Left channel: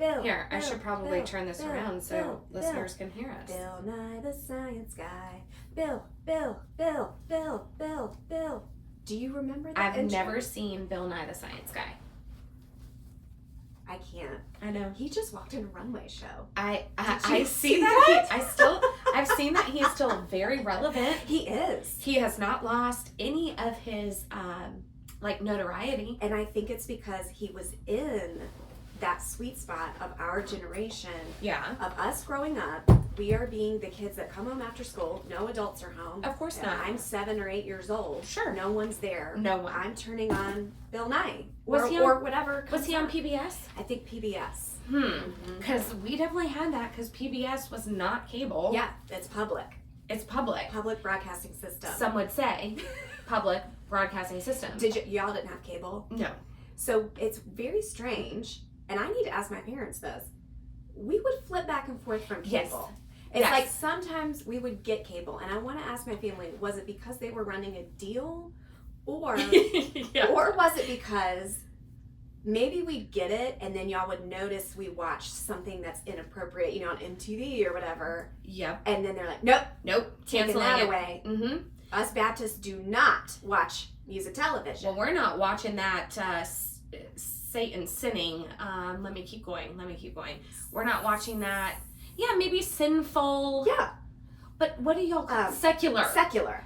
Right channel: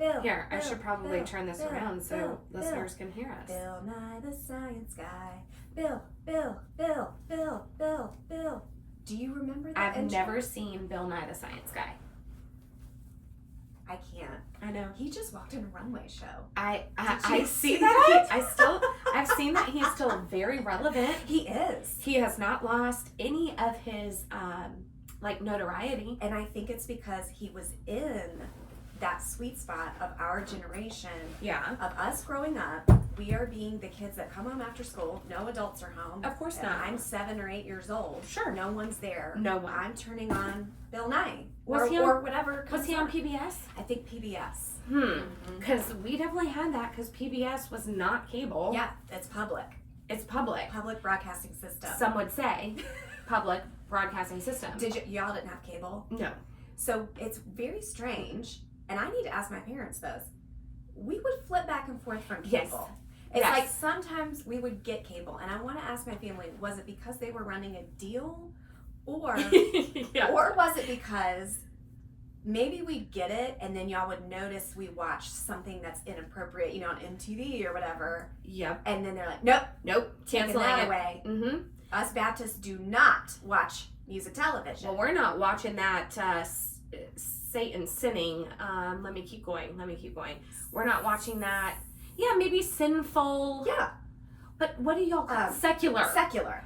Bill. Here, I Bill, should probably Bill, turn this Bill, around so Bill, listeners can hear us. Bill Nye the Science Guy. Bill, Bill, Bill, Bill, Bill, Bill. Do you remember that? I've never seen Bill Nye the Science Guy. I can't. I know. He just walked in a runway show. I you see see that. I've seen that he's still very relevant. He is. He has not lost any of his notoriety. And I think it's because he was in that sweet spot of our generation. Yeah. Of us growing up. We are being the kids that come home after school. No adults are home. Of course not. I'm 7 or 8 years old. Sure. No one's there. No one. I'm turning on Bill Nye. Was he or whatever. Was he on PBS? I think PBS. Because we definitely had that because PBS was not cable. Yeah, it's public. It's public. Public broadcasting system. Some would say public broadcasting system. Y'all didn't have cable? No. So it's very strange, and I need to ask my parents this. We would flip back and forth from cable. Yes. It's like sometimes we would get cable, and I want to ask my family, was it because they were running a deal, or or was it because maybe we'd get it, and then y'all would notice we watched something that's inappropriate, on MTV or whatever. Yep. And then they're like, nope, taking that away. Mm-hmm. Us Baptists do not watch music television. Well, we're not watching that Satan sinning. Let me keep going. We're not watching that. Yeah, maybe sinful. Yeah. But what do y'all call it? Secular. Secular.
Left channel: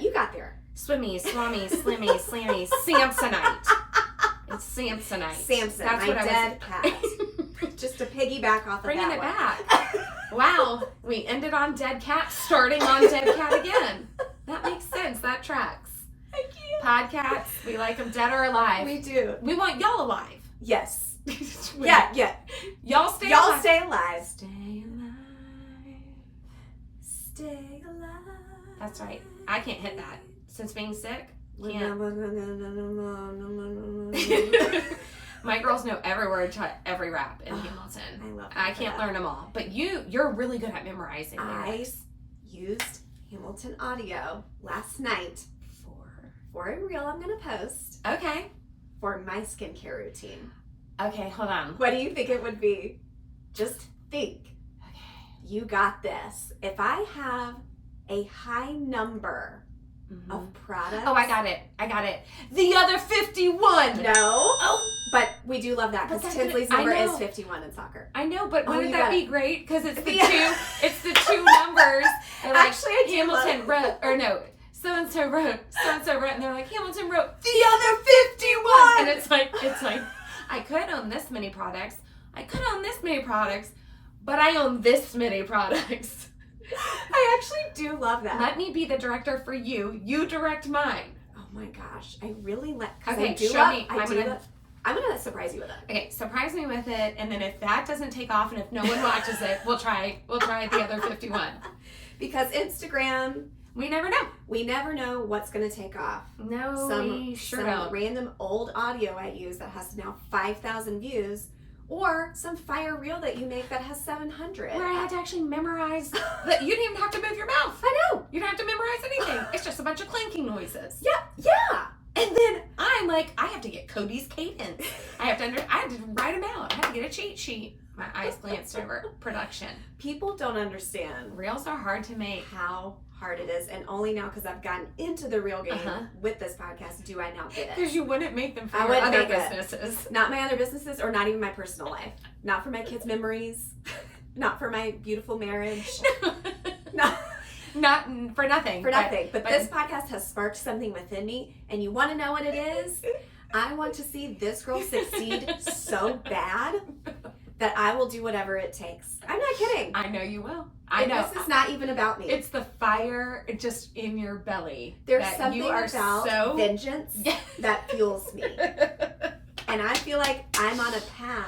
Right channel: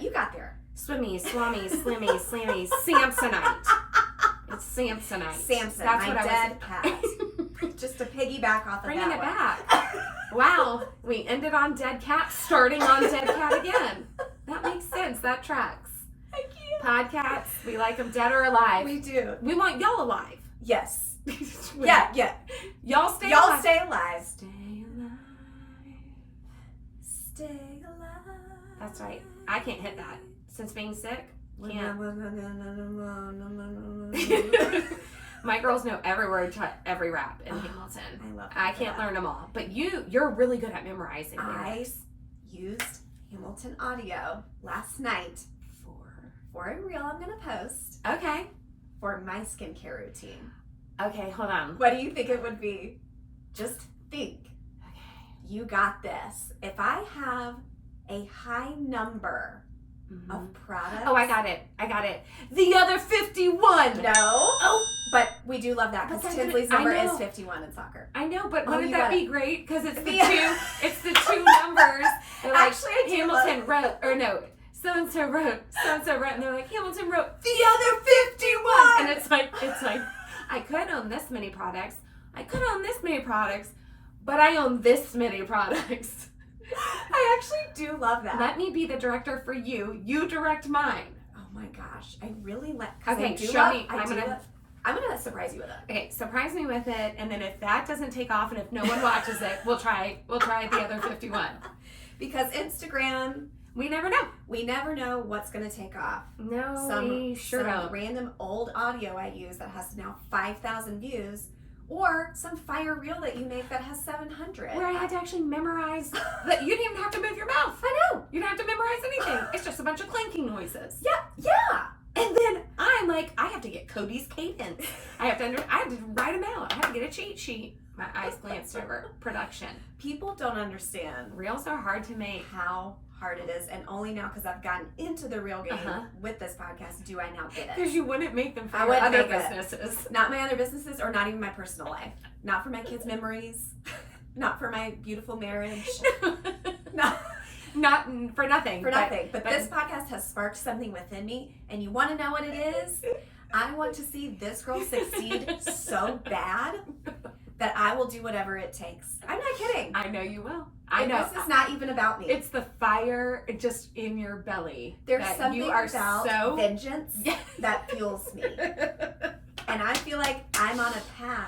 You got there. Swimmy, slummy, slimmy, slammy, Samsonite. It's Samsonite. Samson, That's my what dead cat. Just to piggyback off of Bringing that it one. back. Wow, we ended on dead cat, starting on dead cat again. That makes sense. That tracks. I can't. Podcats, we like them dead or alive. We do. We want y'all alive. Yes. Yeah. Y'all stay alive. Stay alive. Stay alive. Stay alive. That's right. I can't hit that. Since being sick, can't. My girls know every word to every rap in Hamilton. I love I can't learn them all. But you're really good at memorizing I lyrics. used Hamilton audio last night for a reel I'm going to post Okay. for my skincare routine. Okay, hold on. What do you think it would be? Just think. Okay. You got this. If I have a high number of products. Oh, I got it. The other 51. No. Oh, but we do love that because But Tinsley's I number know. is 51 in soccer. I know, but Oh, wouldn't you that got be great? Because it's the Yeah. two. It's the two numbers. They're like, Actually, I do Hamilton love- wrote, or no, so and so wrote, and they're like, Hamilton wrote The other 51. and it's like, I could own this many products. I could own this many products, but I own this many products. I actually do love that. Let me be the director for you. You direct mine. Oh my gosh, I really like. Okay, I do show love, me. I'm gonna surprise you with it. Okay, surprise me with it, and then if that doesn't take off, and if no one watches it, we'll try the other 51. Because Instagram, We never know. we never know what's gonna take off. No, we sure some don't. random old audio I use that has now 5,000 views, or some fire reel that you make that has 700. Where I had to actually memorize that. You didn't even have to move your mouth. I know. You don't have to memorize anything. It's just a bunch of clinking noises. Yeah. And then I'm like, I have to get Cody's cadence. I had to write them out. I had to get a cheat sheet. My eyes glanced over. Production. People don't understand Reels are hard to make. how hard it is, and only now because I've gotten into the real game with this podcast do I now get it. Because you wouldn't make them for I your wouldn't other make it. businesses. Not my other businesses, or not even my personal life. Not for my kids' memories. Not for my beautiful marriage. Not for nothing. For nothing. But this podcast has sparked something within me, and you want to know what it is? I want to see this girl succeed so bad that I will do whatever it takes. I'm not kidding. I know you will. I know. This is not even about me. It's the fire just in your belly. There's that something you are about so vengeance that fuels me. And I feel like I'm on a path.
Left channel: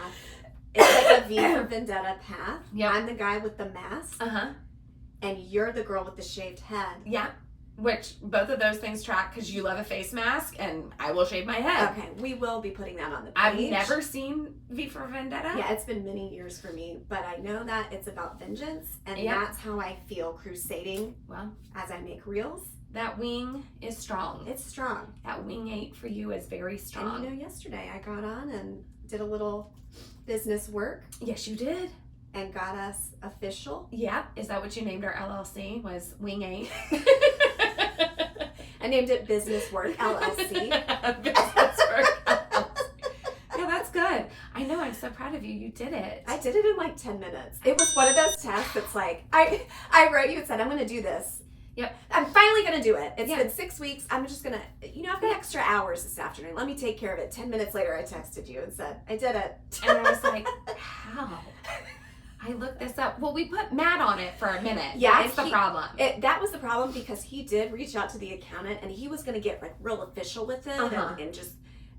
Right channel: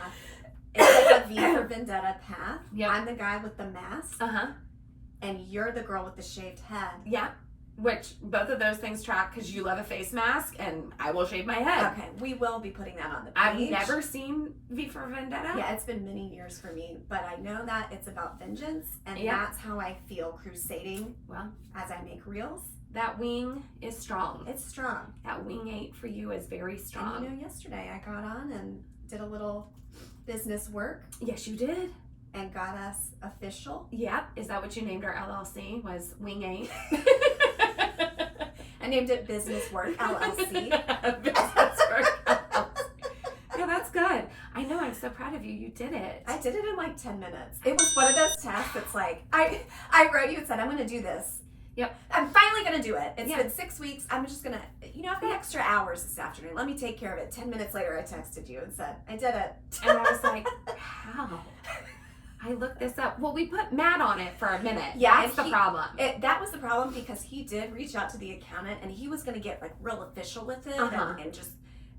It's like a V for Vendetta path. Yep. I'm the guy with the mask, and you're the girl with the shaved head. Yeah. Which both of those things track because you love a face mask and I will shave my head. Okay, we will be putting that on the page. I've never seen V for Vendetta. Yeah, it's been many years for me, but I know that it's about vengeance, and that's how I feel crusading. Well, as I make reels, that wing is strong. It's strong. That wing 8 for you is very strong. And yesterday I got on and did a little business work. Yes, you did. And got us official. Yep. Is that what you named our LLC? Was Wing 8? I named it Business Work LLC. Business Work LLC. Yeah, that's good. I know. I'm so proud of you. You did it. I did it in like 10 minutes. It was one of those tasks that's like, I wrote you and said, I'm going to do this. Yep. I'm finally going to do it. It's been 6 weeks. I'm just going to, I've got extra hours this afternoon. Let me take care of it. 10 minutes later, I texted you and said, I did it. And I was like, how? I looked this up. Well, we put Matt on it for a minute. Yeah, that's the problem. That was the problem because he did reach out to the accountant and he was going to get like real official with it and just,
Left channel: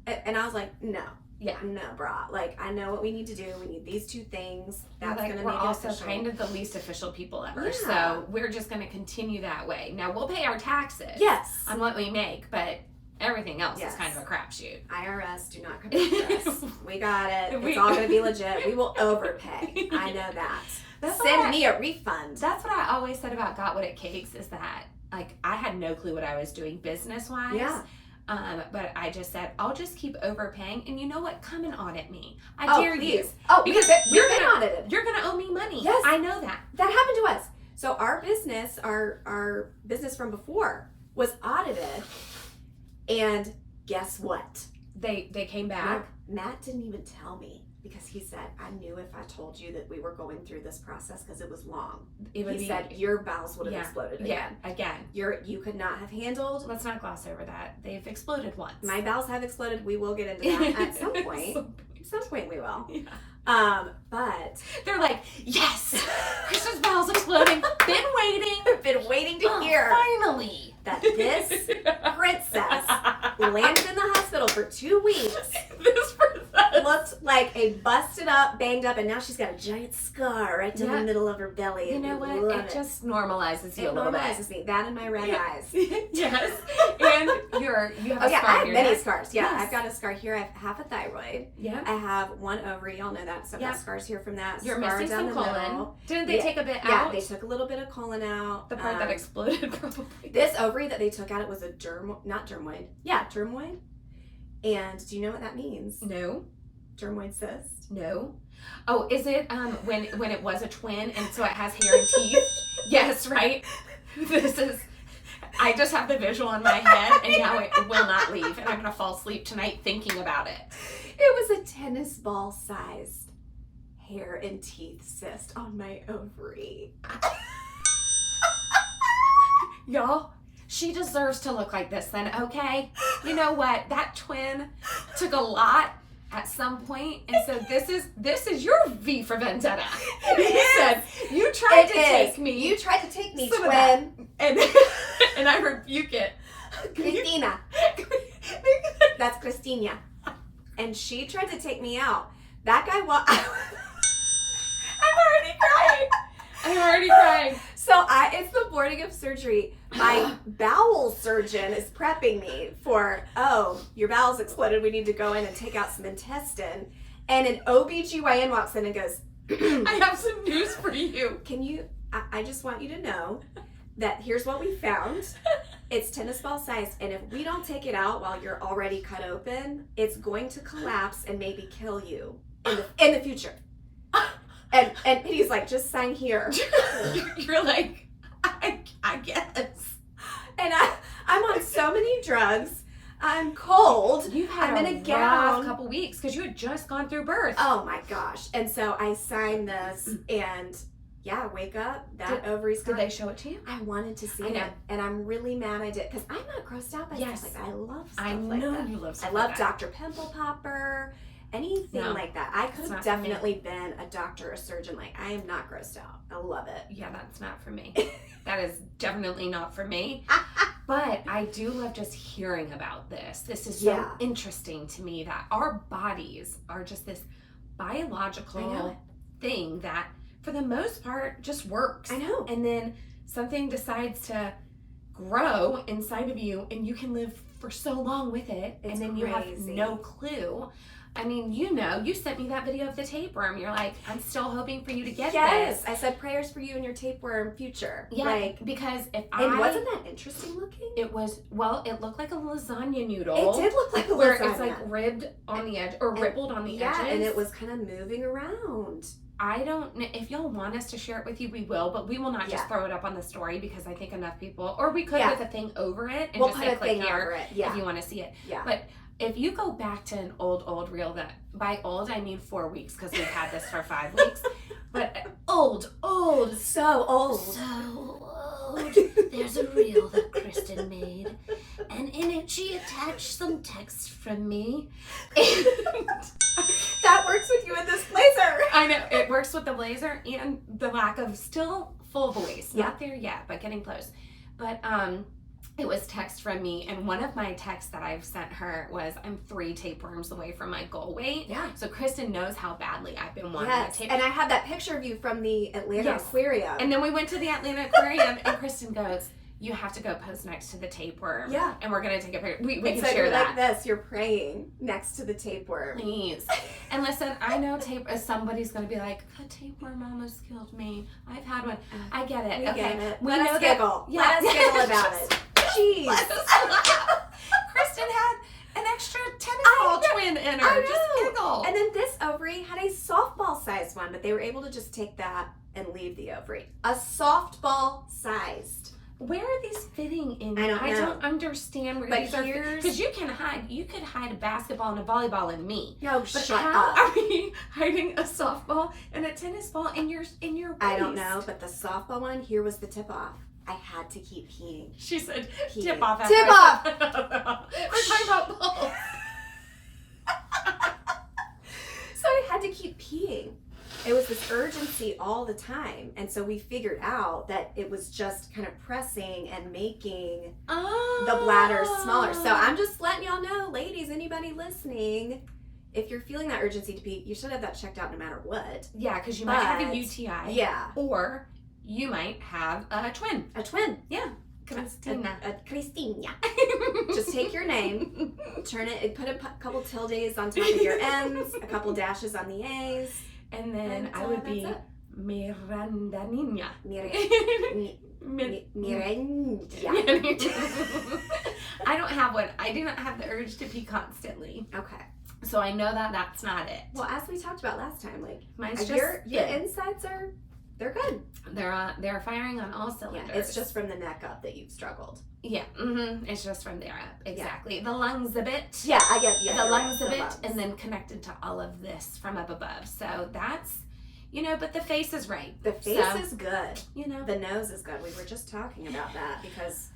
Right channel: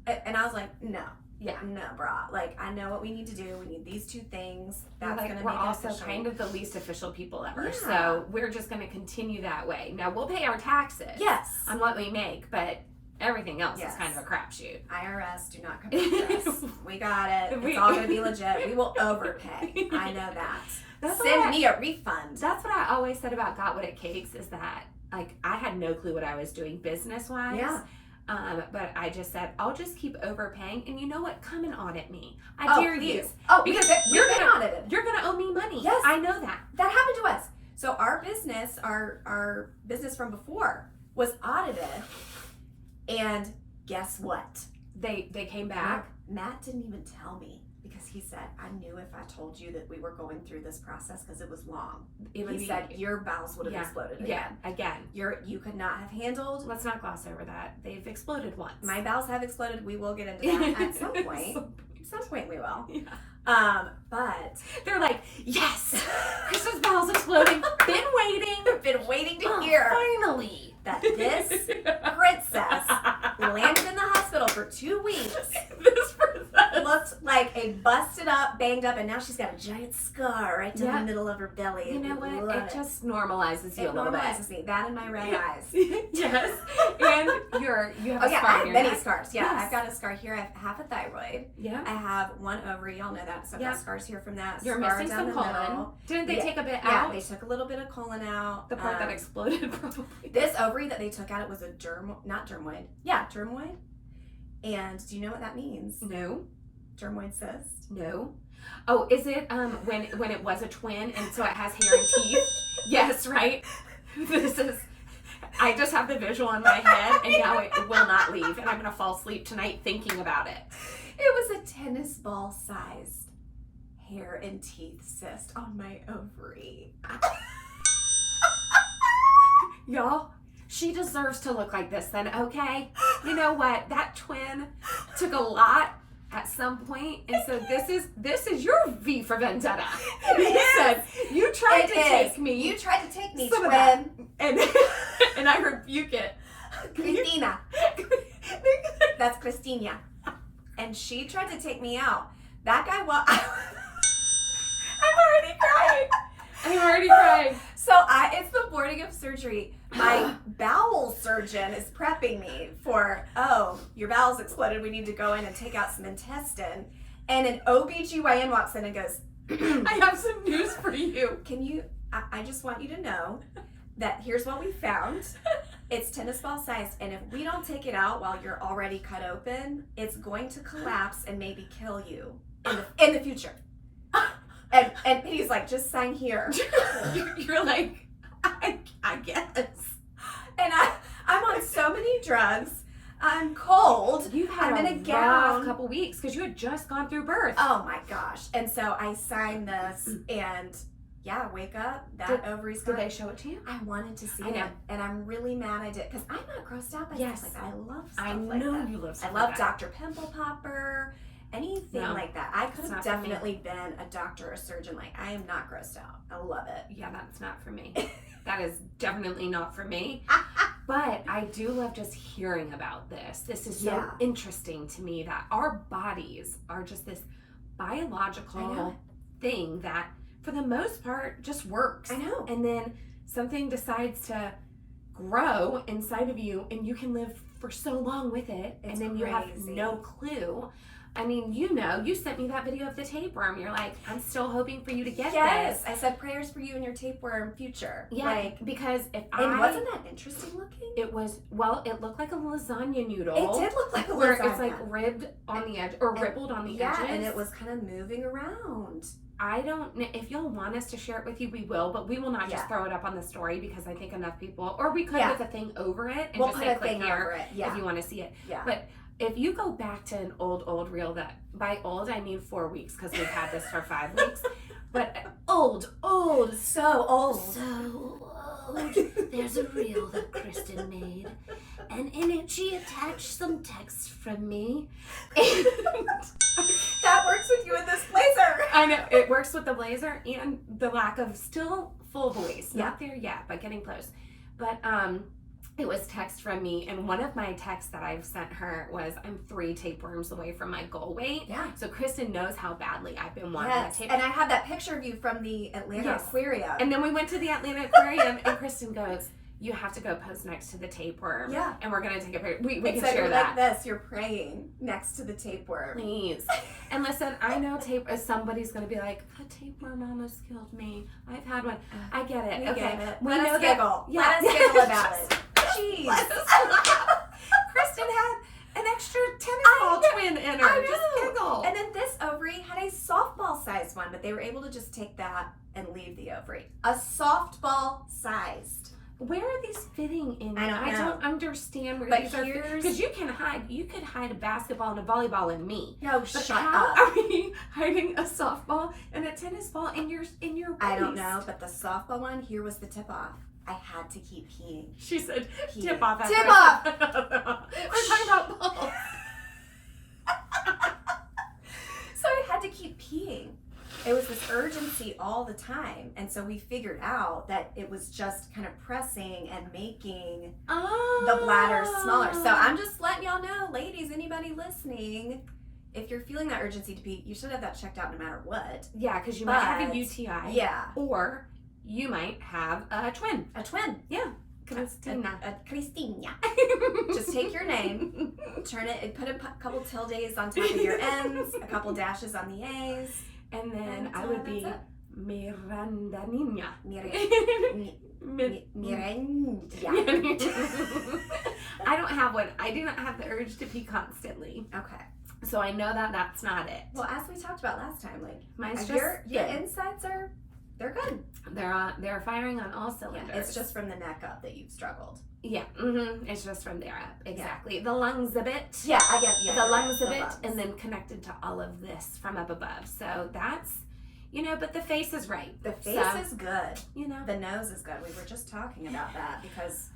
and I was like, no. Yeah, no, brah. Like, I know what we need to do. We need these 2 things. That's going to make it also official. kind of the least official people ever. So we're just going to continue that way. Now, we'll pay our taxes. Yes. On what we make, but everything else is kind of a crapshoot. IRS, do not come after us. We got it. It's all going to be legit. We will overpay. I know that. Send me a refund. That's what I always said about Got What It Cakes is that, like, I had no clue what I was doing business-wise. Yeah. But I just said, I'll just keep overpaying. And you know what? Come and audit me. I dare you. Oh, because you're going to audited. You're going to owe me money. Yes. I know that. That happened to us. So our business from before was audited. And guess what? They came back. Matt didn't even tell me because he said, I knew if I told you that we were going through this process because it was long. He said your bowels would have exploded again. Yeah, again. You could not have handled. Let's not gloss over that. They've exploded once. My bowels have exploded. We will get into that at some point. At some point we will. Yeah. But they're like, yes, Kristen's bowels exploding. Been waiting to hear. Finally. That this princess landed in the hospital for 2 weeks. This princess looked like a busted up, banged up, and now she's got a giant scar right in the middle of her belly. You know what? It just normalizes you a little bit. It normalizes me. That and my red eyes. Yes. And you have a scar I have here. many scars. Yeah, I've got a scar here. I have half a thyroid. Yeah. I have 1 ovary. Y'all know that. So I've got scars here from that. You're missing some colon. Didn't they take a bit out? Yeah, they took a little bit of colon out. The part that exploded, probably. This ovary that they took out, it was a dermoid. Yeah, dermoid. And do you know what that means? No. Dermoid cyst? No. Oh, is it when it was a twin and so it has hair and teeth? Yes, right? I just have the visual in my head and now it will not leave and I'm going to fall asleep tonight thinking about it. It was a tennis ball sized hair and teeth cyst on my ovary. Y'all, she deserves to look like this then, okay? You know what? That twin took a lot at some point, and so this is your V for Vendetta. You said, you tried to take me. You tried to take me, twin. And I rebuke it. Christina. That's Christina. And she tried to take me out. That guy, I'm already crying. So it's the morning of surgery. My bowel surgeon is prepping me for, your bowels exploded. We need to go in and take out some intestine. And an OBGYN walks in and goes, I have some news for you. I just want you to know that here's what we found. It's tennis ball sized. And if we don't take it out while you're already cut open, it's going to collapse and maybe kill you in the future. And he's like, just sign here. You're like, I guess. And I'm on so many drugs. I'm cold. You've had I'm in a gown. Couple weeks because you had just gone through birth. Oh my gosh. And so I signed this and wake up. That ovary's gone. Did they show it to you? I wanted to see it. And I'm really mad I did because I'm not grossed out by stuff like that. I love stuff I like know that. you love stuff I love like that. Dr. Pimple Popper. Anything like that. I could have definitely been a doctor or a surgeon. Like, I am not grossed out. I love it. Yeah, that's not for me. That is definitely not for me. But I do love just hearing about this. This is so interesting to me that our bodies are just this biological thing that, for the most part, just works. I know. And then something decides to grow inside of you, and you can live for so long with it, and then you have no clue. I mean, you sent me that video of the tapeworm. You're like, I'm still hoping for you to get yes, this. I said prayers for you and your tapeworm future. Yeah, because and wasn't that interesting looking? It was, well, it looked like a lasagna noodle. It did look like a where lasagna. it's like ribbed on the edge, or rippled on the edges. Yeah, and it was kind of moving around. I don't know if y'all want us to share it with you, we will, but we will not just throw it up on the story because I think enough people, or we could with a thing over it and we'll just put say a click thing here over it. Yeah. if you want to see it. Yeah. But if you go back to an old reel, that by old I mean 4 weeks because we've had this for 5 weeks, but old, so old. There's a reel that Kristin made, and in it she attached some text from me. And that works with you in this blazer. I know, it works with the blazer and the lack of still full voice. Not there yet, but getting close. But it was text from me, and one of my texts that I've sent her was, I'm 3 tapeworms away from my goal weight. Yeah. So Kristin knows how badly I've been wanting a tapeworm. And I have that picture of you from the Atlanta Aquarium. And then we went to the Atlanta Aquarium, and Kristin goes, you have to go post next to the tapeworm. Yeah. And we're going to take a picture. We can share that. Like this, you're praying next to the tapeworm. Please. And listen, I know somebody's going to be like, a tapeworm almost killed me. I've had one. I get it. We get it. We Let know us giggle. Yeah. Let us giggle about it. Jeez. Kristin had an extra tennis twin in her. I know. Just giggle. And then this ovary had a softball sized one, but they were able to just take that and leave the ovary. A softball sized. Where are these fitting in? I don't understand where these are. Because you could hide a basketball and a volleyball in me. No, but shut how up. are we hiding a softball and a tennis ball in your waist? I don't know, but the softball one, here was the tip off. I had to keep peeing. She said, peeing. Tip off. Tip off. We're talking about balls. So I had to keep peeing. It was this urgency all the time. And so we figured out that it was just kind of pressing and making the bladder smaller. So I'm just letting y'all know, ladies, anybody listening, if you're feeling that urgency to pee, you should have that checked out no matter what. Yeah, because you might have a UTI. Yeah. Or you might have a twin. A twin. Yeah. Kristina. Kristina. Just take your name, turn it, put a couple tildes on top of your N's, a couple dashes on the A's. And then I would be Miranda Niña. Miranda. I don't have one. I do not have the urge to pee constantly. Okay. So I know that that's not it. Well, as we talked about last time, like mine's your insides they're good. They're firing on all cylinders. Yeah, it's just from the neck up that you've struggled. Yeah, it's just from there up. Exactly. Yeah. The lungs a bit. Yeah, I get the lungs a bit, and then connected to all of this from up above. So that's, but the face is right. The face is good. The nose is good. We were just talking about that because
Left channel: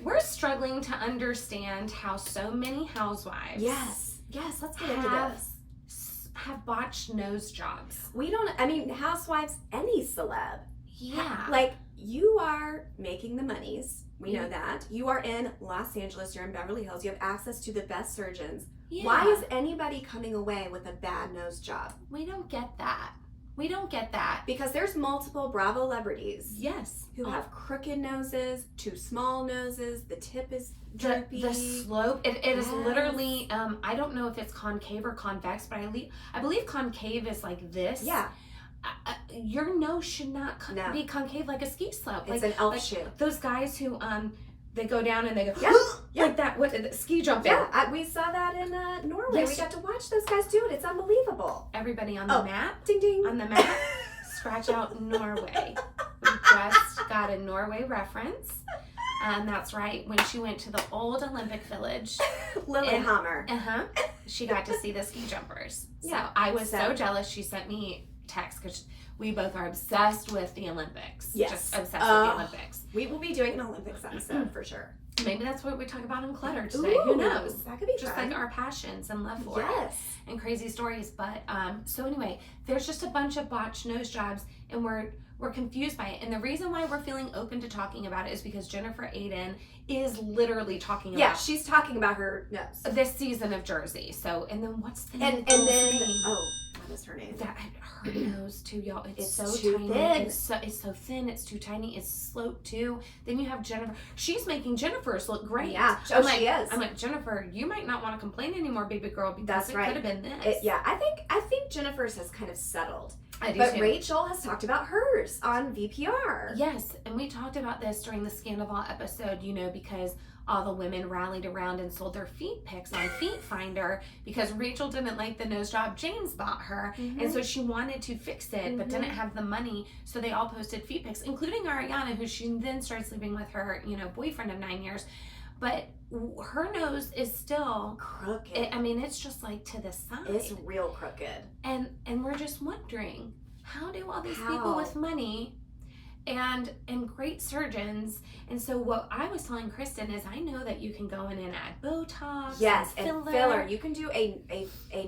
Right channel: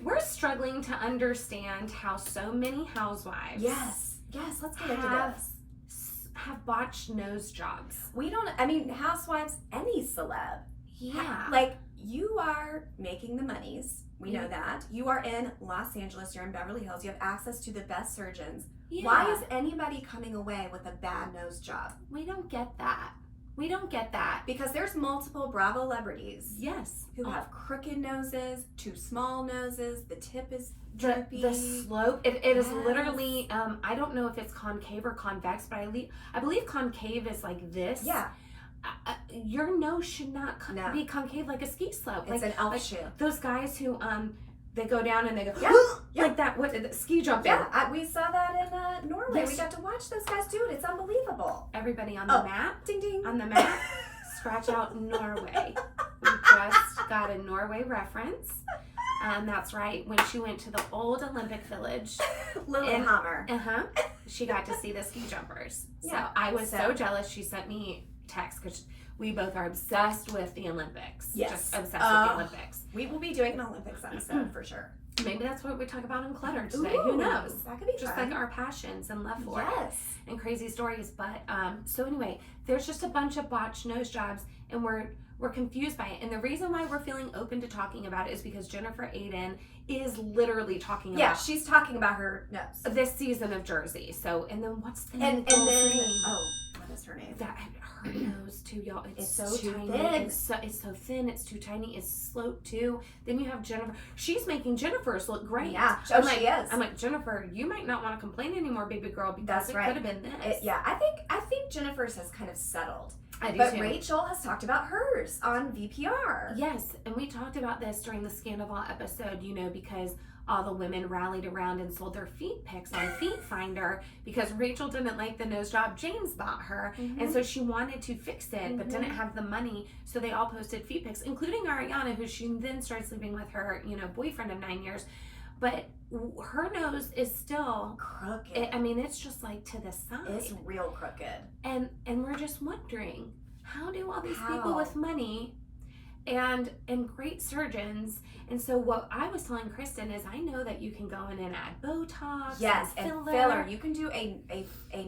we're struggling to understand how so many housewives. Yes, let's get into this. Have botched nose jobs. Housewives, any celeb. Yeah. Like, you are making the monies. We know that. You are in Los Angeles. You're in Beverly Hills. You have access to the best surgeons. Yeah. Why is anybody coming away with a bad nose job? We don't get that. Because there's multiple Bravo celebrities. Yes. Who have crooked noses, too small noses, the tip is droopy. The slope, it is literally, I don't know if it's concave or convex, but I believe concave is like this. Yeah. Your nose should not be concave like a ski slope. It's like an elf shoe. Those guys who, they go down and they go, like that, ski jumping. Yeah, we saw that in Norway. Yes. We got to watch those guys do it. It's unbelievable. Everybody on the map. Ding, ding. On the map. Scratch out Norway. We just got a Norway reference. And that's right. When she went to the old Olympic Village. Lillehammer. She got to see the ski jumpers. Yeah. So I was so jealous. She sent me text because we both are obsessed with the Olympics. Yes. Just obsessed with the Olympics. We will be doing an Olympics episode for sure. Maybe that's what we talk about in Clutter today. Ooh, who knows? That could be just fun. Like our passions and love for it. And crazy stories. But so anyway, there's just a bunch of botched nose jobs, and we're confused by it. And the reason why we're feeling open to talking about it is because Jennifer Aydin is literally talking about. Yeah, she's talking about her nose. This season of Jersey. So, and then what's the name? And then, what is her name? Her nose too, y'all. It's so too tiny. thin. It's so thin. It's too tiny. It's sloped too. Then you have Jennifer. She's making Jennifer's look great. Yeah, she is. I'm like, Jennifer, you might not want to complain anymore, baby girl, because That's right. Could have been this. I think Jennifer's has kind of settled. I do but too. Rachel has talked about hers on VPR. Yes, and we talked about this during the Scandal episode, because all the women rallied around and sold their feet pics on Feet Finder because Rachel didn't like the nose job James bought her. Mm-hmm. And so she wanted to fix it, but didn't have the money. So they all posted feet pics, including Ariana, who she then started sleeping with her, boyfriend of 9 years. But her nose is still crooked. It's just like to the side. It's real crooked. And we're just wondering, how do all these people with money and great surgeons? And so what I was telling Kristin is, I know that you can go in and add Botox. Yes, and filler. You can do a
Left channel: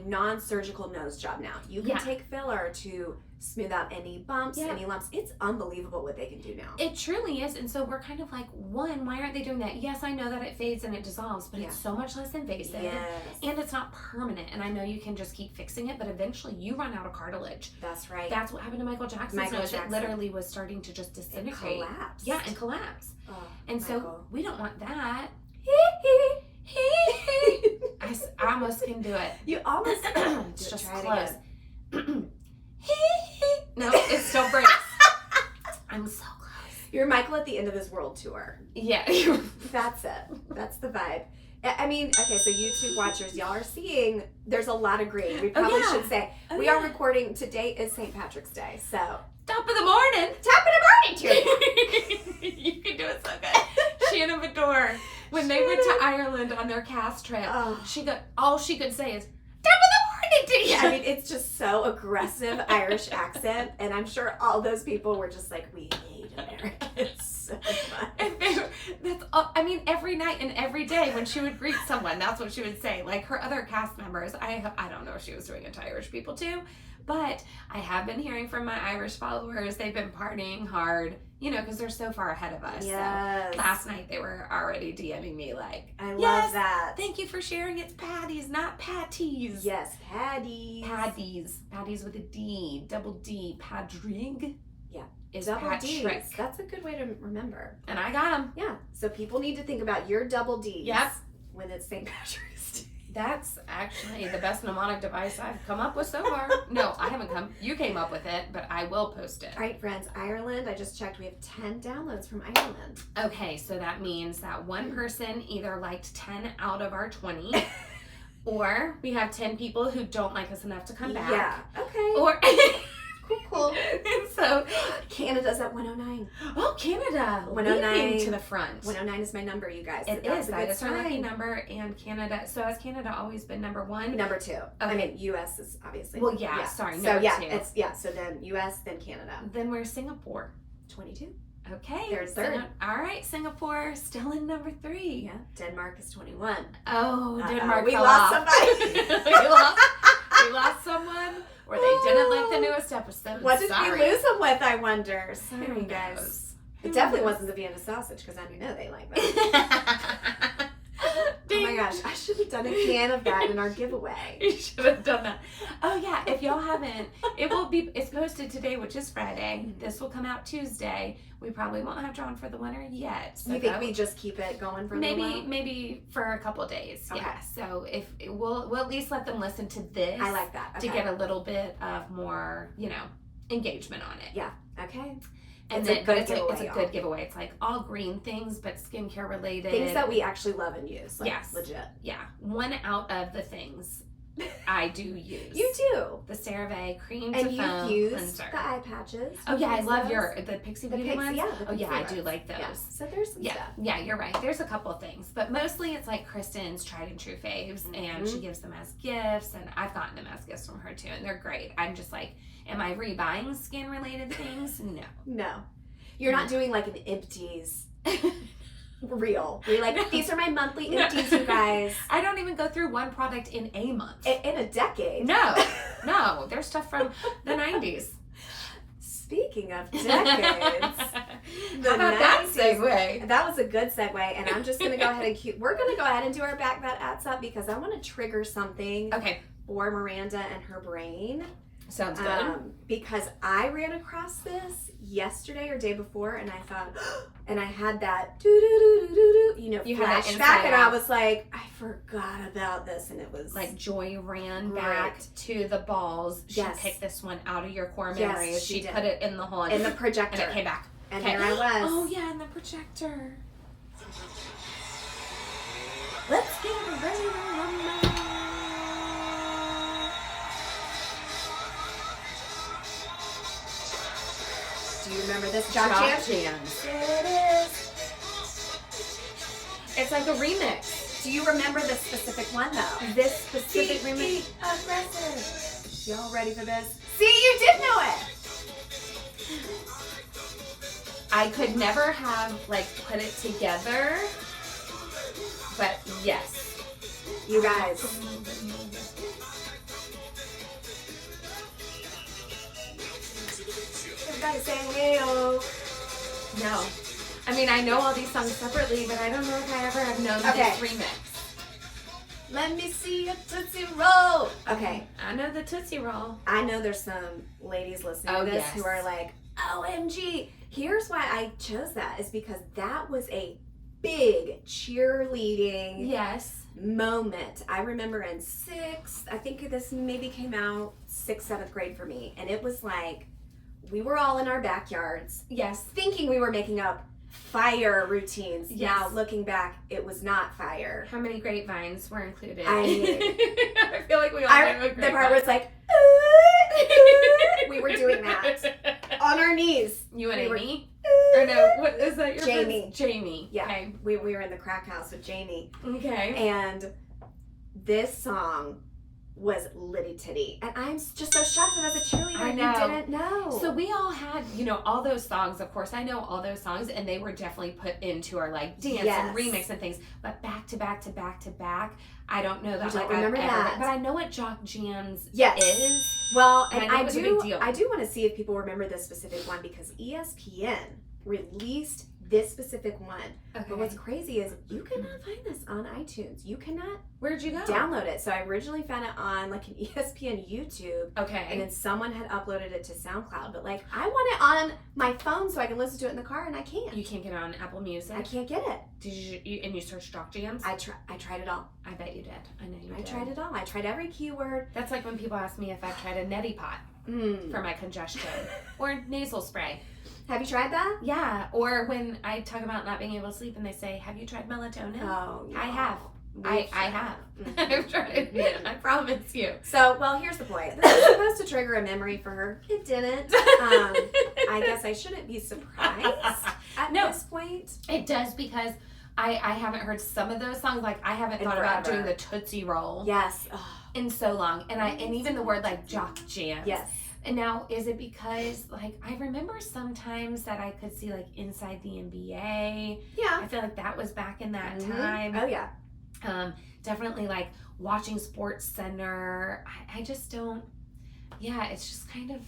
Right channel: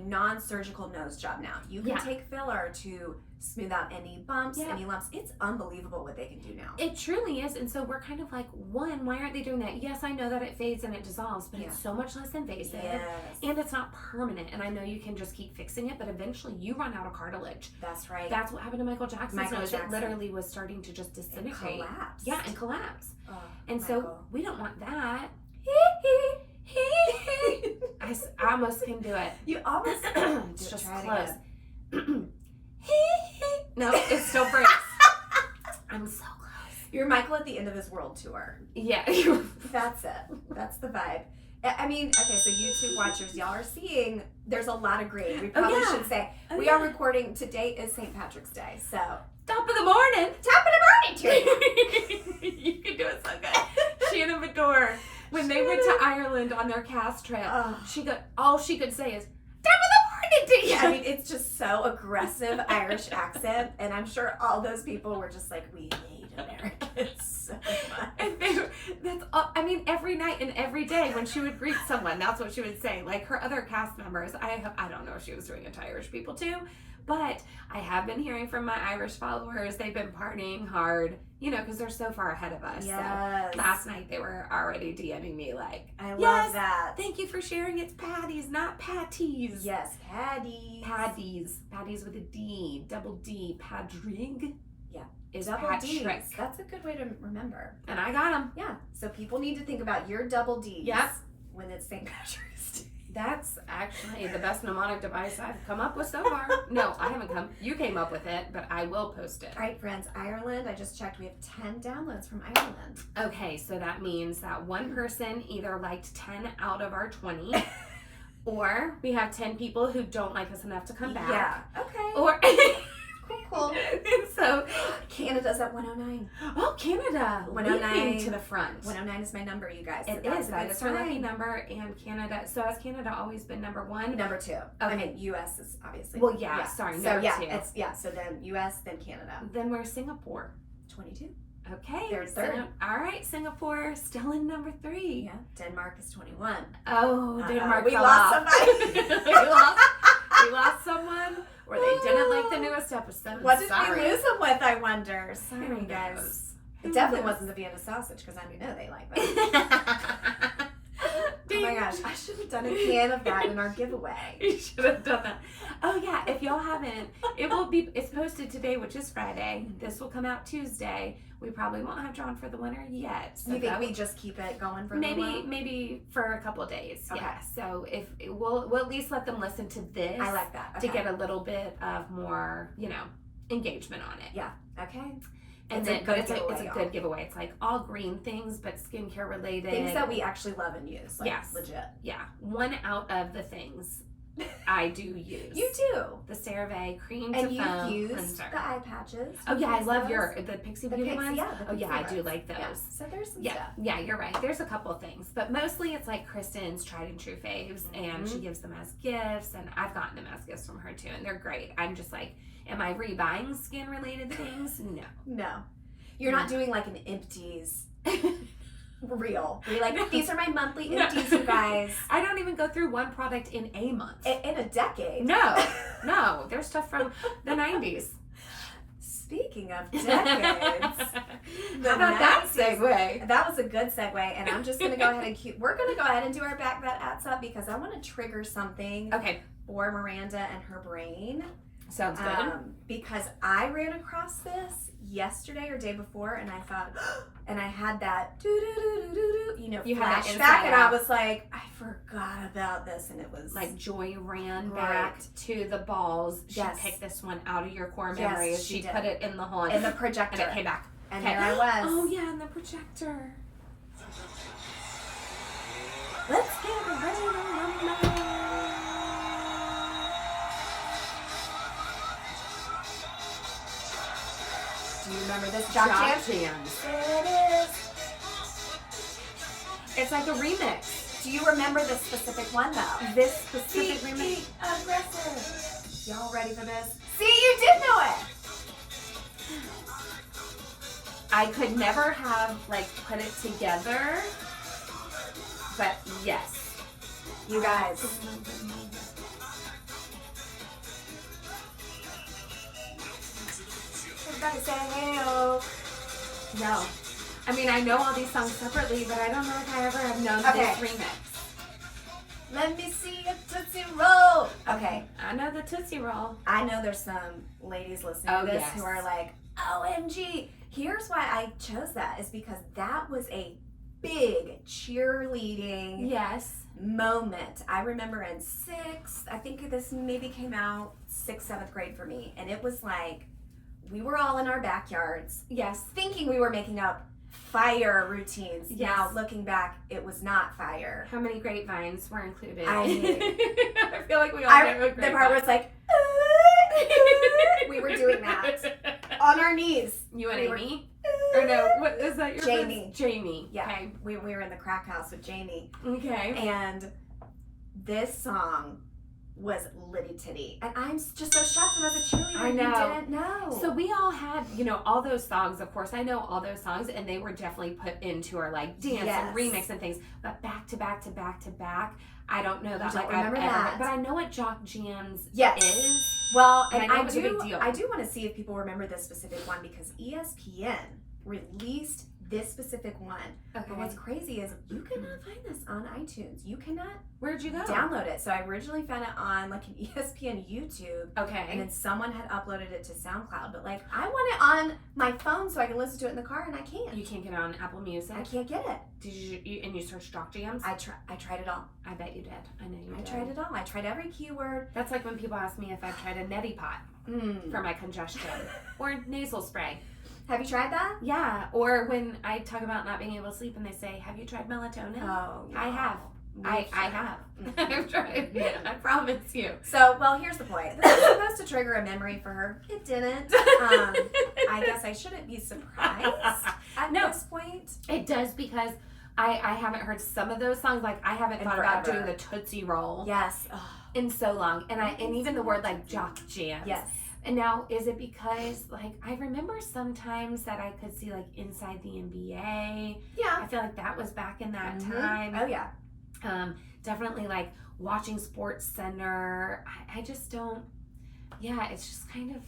non-surgical nose job now. You can take filler to smooth out any bumps, any lumps. It's unbelievable what they can do now. It truly is. And so we're kind of like, one, why aren't they doing that? Yes, I know that it fades and it dissolves, but it's so much less invasive. Yes. And it's not permanent. And I know you can just keep fixing it, but eventually you run out of cartilage. That's right. That's what happened to Michael Jackson's nose. It literally was starting to just disintegrate. And collapse. Yeah, and collapse. Oh, and Michael. so we don't want that. I almost can do it. You almost it's just try close. It again. No, it still breaks. I'm so close. You're Michael at the End of His World tour. Yeah. That's it. That's the vibe. I mean, okay, so YouTube watchers, y'all are seeing there's a lot of green. We probably should say we are recording. Today is St. Patrick's Day, so top of the morning. Top of the morning to you. You can do it so good. Shannon Vidor, when they went to Ireland on their cast trip, all she could say is, top of the morning to you. I mean, it's just so aggressive Irish accent, and I'm sure all those people were just like, we hate Americans so much. And that's all, every night and every day when she would greet someone, that's what she would say. Like her other cast members, I don't know if she was doing it to Irish people too, but I have been hearing from my Irish followers, they've been partying hard, because they're so far ahead of us. Yes. So last night they were already DMing me like, I love that. Thank you for sharing. It's patties, not patties. Yes, patties. Patties with a D, double D, Padrig. Yeah. Is double D's. Patrick. That's a good way to remember. And I got them. Yeah. So people need to think about your double D's. Yep. When it's St. Patrick's Day. That's actually the best mnemonic device I've come up with so far. No, I haven't you came up with it, but I will post it. All right, friends, Ireland, I just checked, we have 10 downloads from Ireland. Okay, so that means that one person either liked 10 out of our 20, or we have 10 people who don't like us enough to come back. Yeah, okay. Or... Cool. And so Canada's at 109. Oh, Canada. 109 to the front. 109 is my number, you guys. It is. That is her lucky number. And Canada. So has Canada always been number one? Number two. Okay. I mean, U.S. is obviously. Well, yeah. Sorry. Number two. So then U.S. then Canada. Then where's Singapore? 22. Okay. They're third. All right, Singapore still in number 3. Yeah. Denmark is 21. Oh, Denmark. We lost somebody. we lost someone. Or they didn't like the newest episode. What did we lose them with, I wonder? Sorry, guys. It definitely wasn't the Vienna sausage, because I know they like that. Oh my gosh, I should have done a can of that in our giveaway. You should have done that. Oh yeah, if y'all haven't, it's posted today, which is Friday. This will come out Tuesday. We probably won't have drawn for the winner yet. So you think we just keep it going for maybe for a couple days. Okay. Yeah. So if we'll at least let them listen to this. I like that. To get a little bit of more, engagement on it. Yeah. Okay. And it's a good giveaway. It's like all green things, but skincare related. Things that we actually love and use. Like, yes. Legit. Yeah. One out of the things I do use. You do. The CeraVe cream and to foam used cleanser. The eye patches. Oh yeah, I love the Pixie Beauty ones. Yeah, oh yeah, I do like those. Yeah. So there's some stuff. Yeah, you're right. There's a couple of things, but mostly it's like Kristin's tried and true faves, and she gives them as gifts, and I've gotten them as gifts from her too, and they're great. I'm just like, am I rebuying skin related things? No. No. You're not doing like an empties reel. You're like, these are my monthly empties, you guys. I don't even go through one product in a month. In a decade. No. There's stuff from the 90s. Speaking of decades. How about that segue? That was a good segue, and I'm just going to go ahead and we're going to go ahead and do our Back That Adds Up because I want to trigger something for Miranda and her brain. Sounds good. Because I ran across this yesterday or day before, and I thought, and I had that flashback, and I was like, I forgot about this, and it was like Joy ran back to the balls. She picked this one out of your core memories. Yes, she put it in the hole in the projector, and it came back. And here I was. Oh yeah, in the projector. Let's get ready to rumble. Do you remember this Jock Jam? It is. It's like a remix. Do you remember this specific one though? This specific remix? Aggressive. Y'all ready for this? See, you did know it. I could never have like put it together, but yes. You guys. Everybody say hey-o. No. I mean, I know all these songs separately, but I don't know if I ever have known this remix. Let me see a Tootsie Roll. Okay. I know the Tootsie Roll. I know there's some ladies listening to this who are like, OMG. Here's why I chose that is because that was a big cheerleading moment. I remember in I think this maybe came out 6th, 7th grade for me. And it was like, we were all in our backyards. Yes. Thinking we were making up fire routines. Yes. Now, looking back, it was not fire. How many grapevines were included? I feel like we all know a grapevine. The part where it's like, we were doing that. On our knees. You and Amy? Or no, what is that your Jamie. friend's? Jamie. Yeah. Okay. We were in the crack house with Jamie. Okay. And this song was Litty Titty. And I'm just so shocked that as a cheerleader I know. You didn't know. So we all had, all those songs. Of course, I know all those songs, and they were definitely put into our like dance and remix and things. But back to back to back to back, I don't know that. I remember that. But I know what Jock Jams is. Well, and I do. A big deal. I do want to see if people remember this specific one because ESPN released this specific one. Okay. But what's crazy is you cannot find this on iTunes. You cannot. Where'd you go? Download it. So I originally found it on like an ESPN YouTube. Okay. And then someone had uploaded it to SoundCloud. But like I want it on my phone so I can listen to it in the car, and I can't. You can't get it on Apple Music. I can't get it. Did you? And you searched Jock Jams? I tried it all. I bet you did. I know you did. I tried it all. I tried every keyword. That's like when people ask me if I've tried a neti pot for my congestion or nasal spray. Have you tried that? Yeah. Or when I talk about not being able to sleep and they say, have you tried melatonin? Oh, no. I have. I have. I've tried it. I promise you. So, well, here's the point. This was supposed to trigger a memory for her. It didn't. I guess I shouldn't be surprised at this point. It does because I haven't heard some of those songs. Like, I haven't thought about doing the Tootsie Roll. Yes. In so long. And even the word like Jock Jams. Yes. And now, is it because, like, I remember sometimes that I could see, like, Inside the NBA. Yeah. I feel like that was back in that time. Oh, yeah. Definitely, like, watching Sports Center. I just don't, it's just kind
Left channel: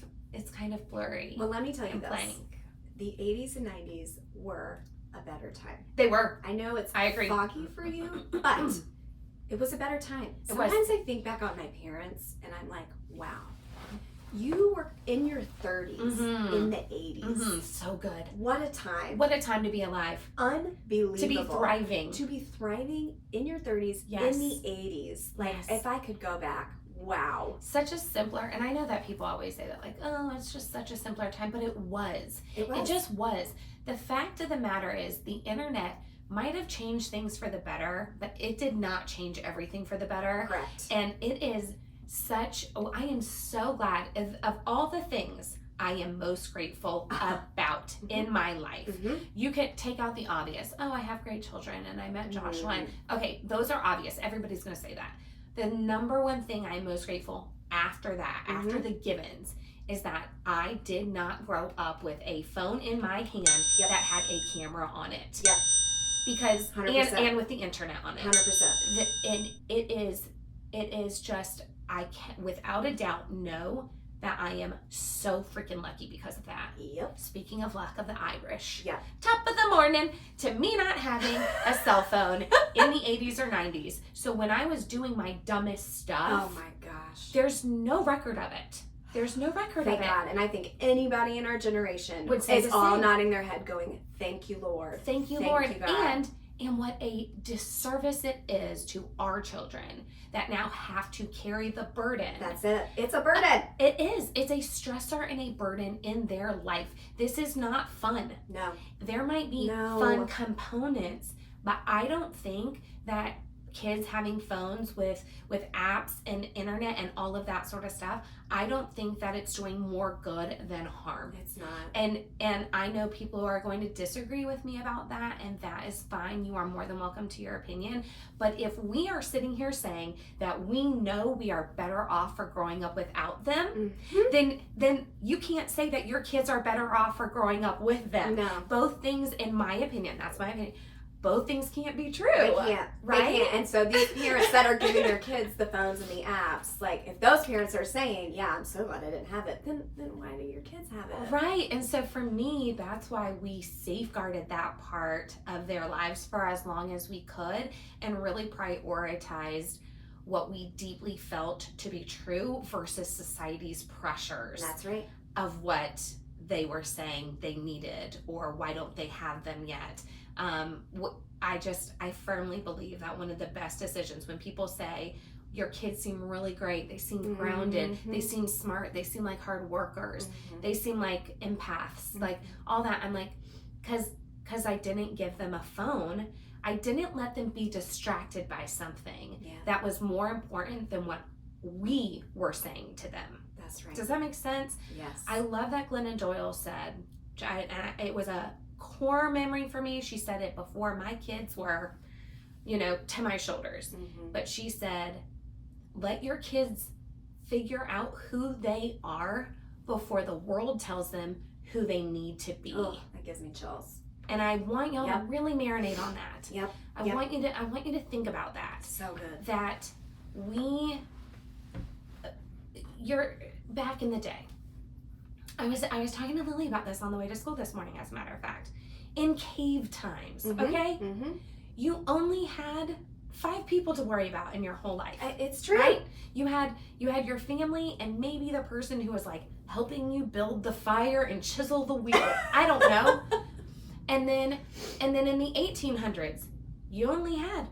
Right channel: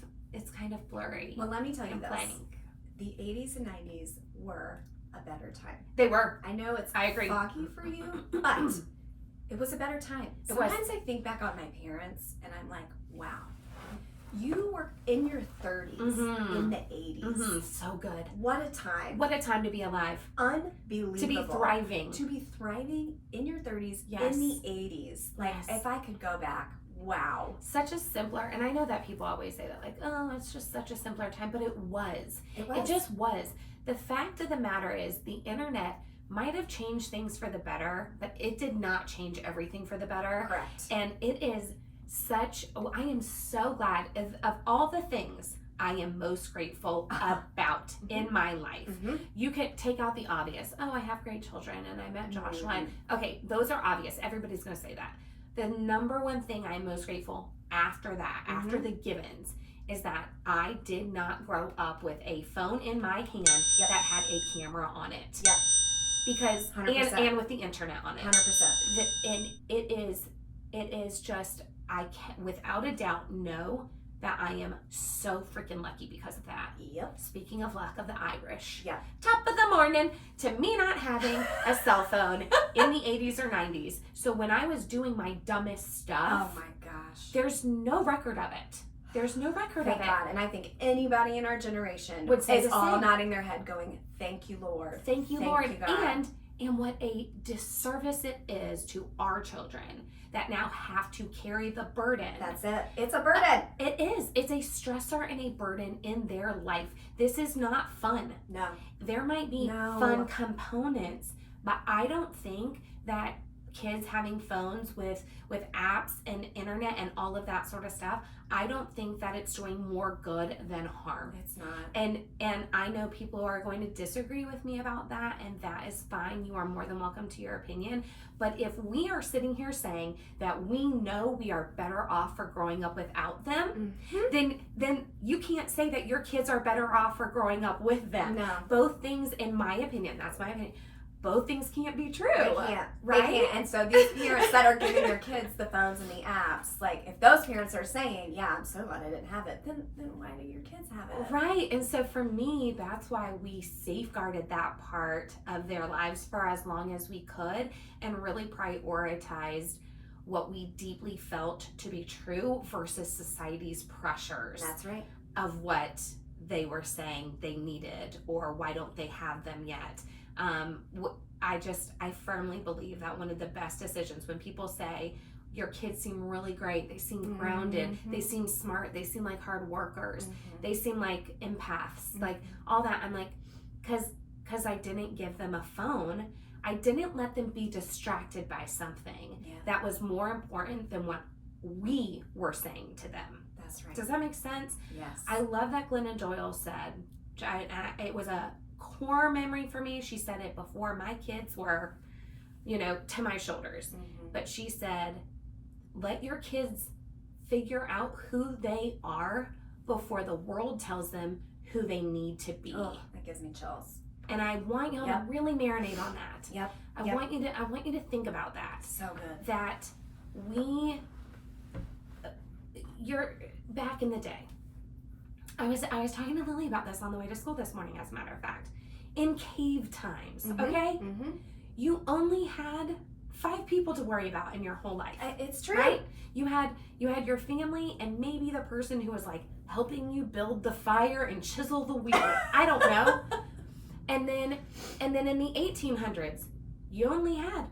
of blurry. Well, let me tell you this. Blank. The 80s and 90s were a better time. They were. I know it's I agree. foggy for you, but it was a better time. Sometimes I think back on my parents, and I'm like, wow. You were in your 30s in the 80s. So good. What a time. What a time to be alive. Unbelievable. To be thriving. To be thriving in your 30s in the 80s. Like, if I could go back, wow. Such a simpler, and I know that people always say that, like, oh, it's just such a simpler time, but it was. It just was. The fact of the matter is the internet might have changed things for the better, but it did not change everything for the better. Correct. And it is I am so glad of all the things I am most grateful about in my life. You can take out the obvious. Oh, I have great children and I met Joshua. Okay, those are obvious. Everybody's going to say that. The number one thing I am most grateful after that, after the givens, is that I did not grow up with a phone in my hand that had a camera on it. Yep. Because, 100%. and with the internet on it. 100%. And it is just, I can without a doubt know that I am so freaking lucky because of that. Yep. Speaking of luck of the Irish. Yeah. Top of the morning to me not having a cell phone in the 80s or 90s. So when I was doing my dumbest stuff. Oh my gosh. There's no record of it. There's no record Thank of it. God. And I think anybody in our generation Would say is the all same. nodding their head going, thank you, Lord. Thank you, Thank Lord. you, God. And what a disservice it is to our children that now have to carry the burden. That's it. It's a burden. It is. It's a stressor and a burden in their life. This is not fun. No. There might be fun components, but I don't think that kids having phones with apps and internet and all of that sort of stuff, I don't think that it's doing more good than harm. It's not. And I know people are going to disagree with me about that, and that is fine. You are more than welcome to your opinion. But if we are sitting here saying that we know we are better off for growing up without them, then you can't say that your kids are better off for growing up with them. No. Both things, in my opinion, that's my opinion, both things can't be true. They can't. Right? They can't. And so these parents that are giving their kids the phones and the apps, like if those parents are saying, yeah, I'm so glad I didn't have it, then why do your kids have it? Right. And so for me, that's why we safeguarded that part of their lives for as long as we could and really prioritized what we deeply felt to be true versus society's pressures. That's right. Of what they were saying they needed, or why don't they have them yet. I firmly believe that one of the best decisions, when people say your kids seem really great, they seem grounded, they seem smart, they seem like hard workers, they seem like empaths, like all that, I'm like, because I didn't give them a phone, I didn't let them be distracted by something that was more important than what we were saying to them. That's right. Does that make sense? Yes. I love that Glennon Doyle said, it was a core memory for me. She said it before my kids were, to my shoulders. But she said, let your kids figure out who they are before the world tells them who they need to be. Oh, that gives me chills. And I want y'all to really marinate on that. Yep. I want you to think about that. So good. That you're back in the day. I was talking to Lily about this on the way to school this morning, as a matter of fact. In cave times, okay? You only had 5 people to worry about in your whole life. It's true. Right? You had your family and maybe the person who was like helping you build the fire and chisel the wheel. I don't know. And then in the 1800s, you only had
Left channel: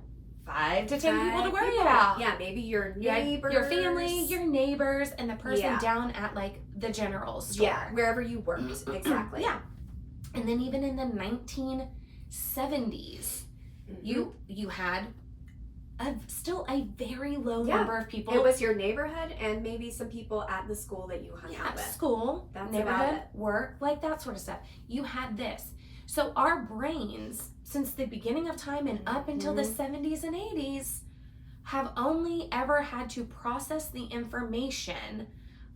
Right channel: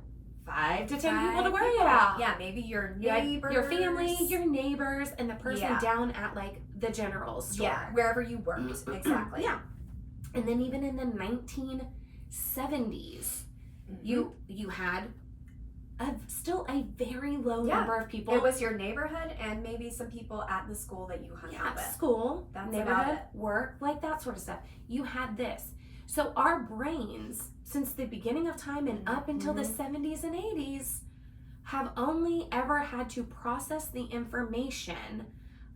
5 to 10 people to worry about. Yeah, maybe your neighbors. Your family, your neighbors, and the person down at like the general store. Yeah, wherever you worked. Exactly. Yeah. And then even in the 1970s, you had still a very low number of people. It was your neighborhood and maybe some people at the school that you hung out with. School, That's neighborhood, work, like that sort of stuff. You had this. So our brains, since the beginning of time and up until the 70s and 80s, have only ever had to process the information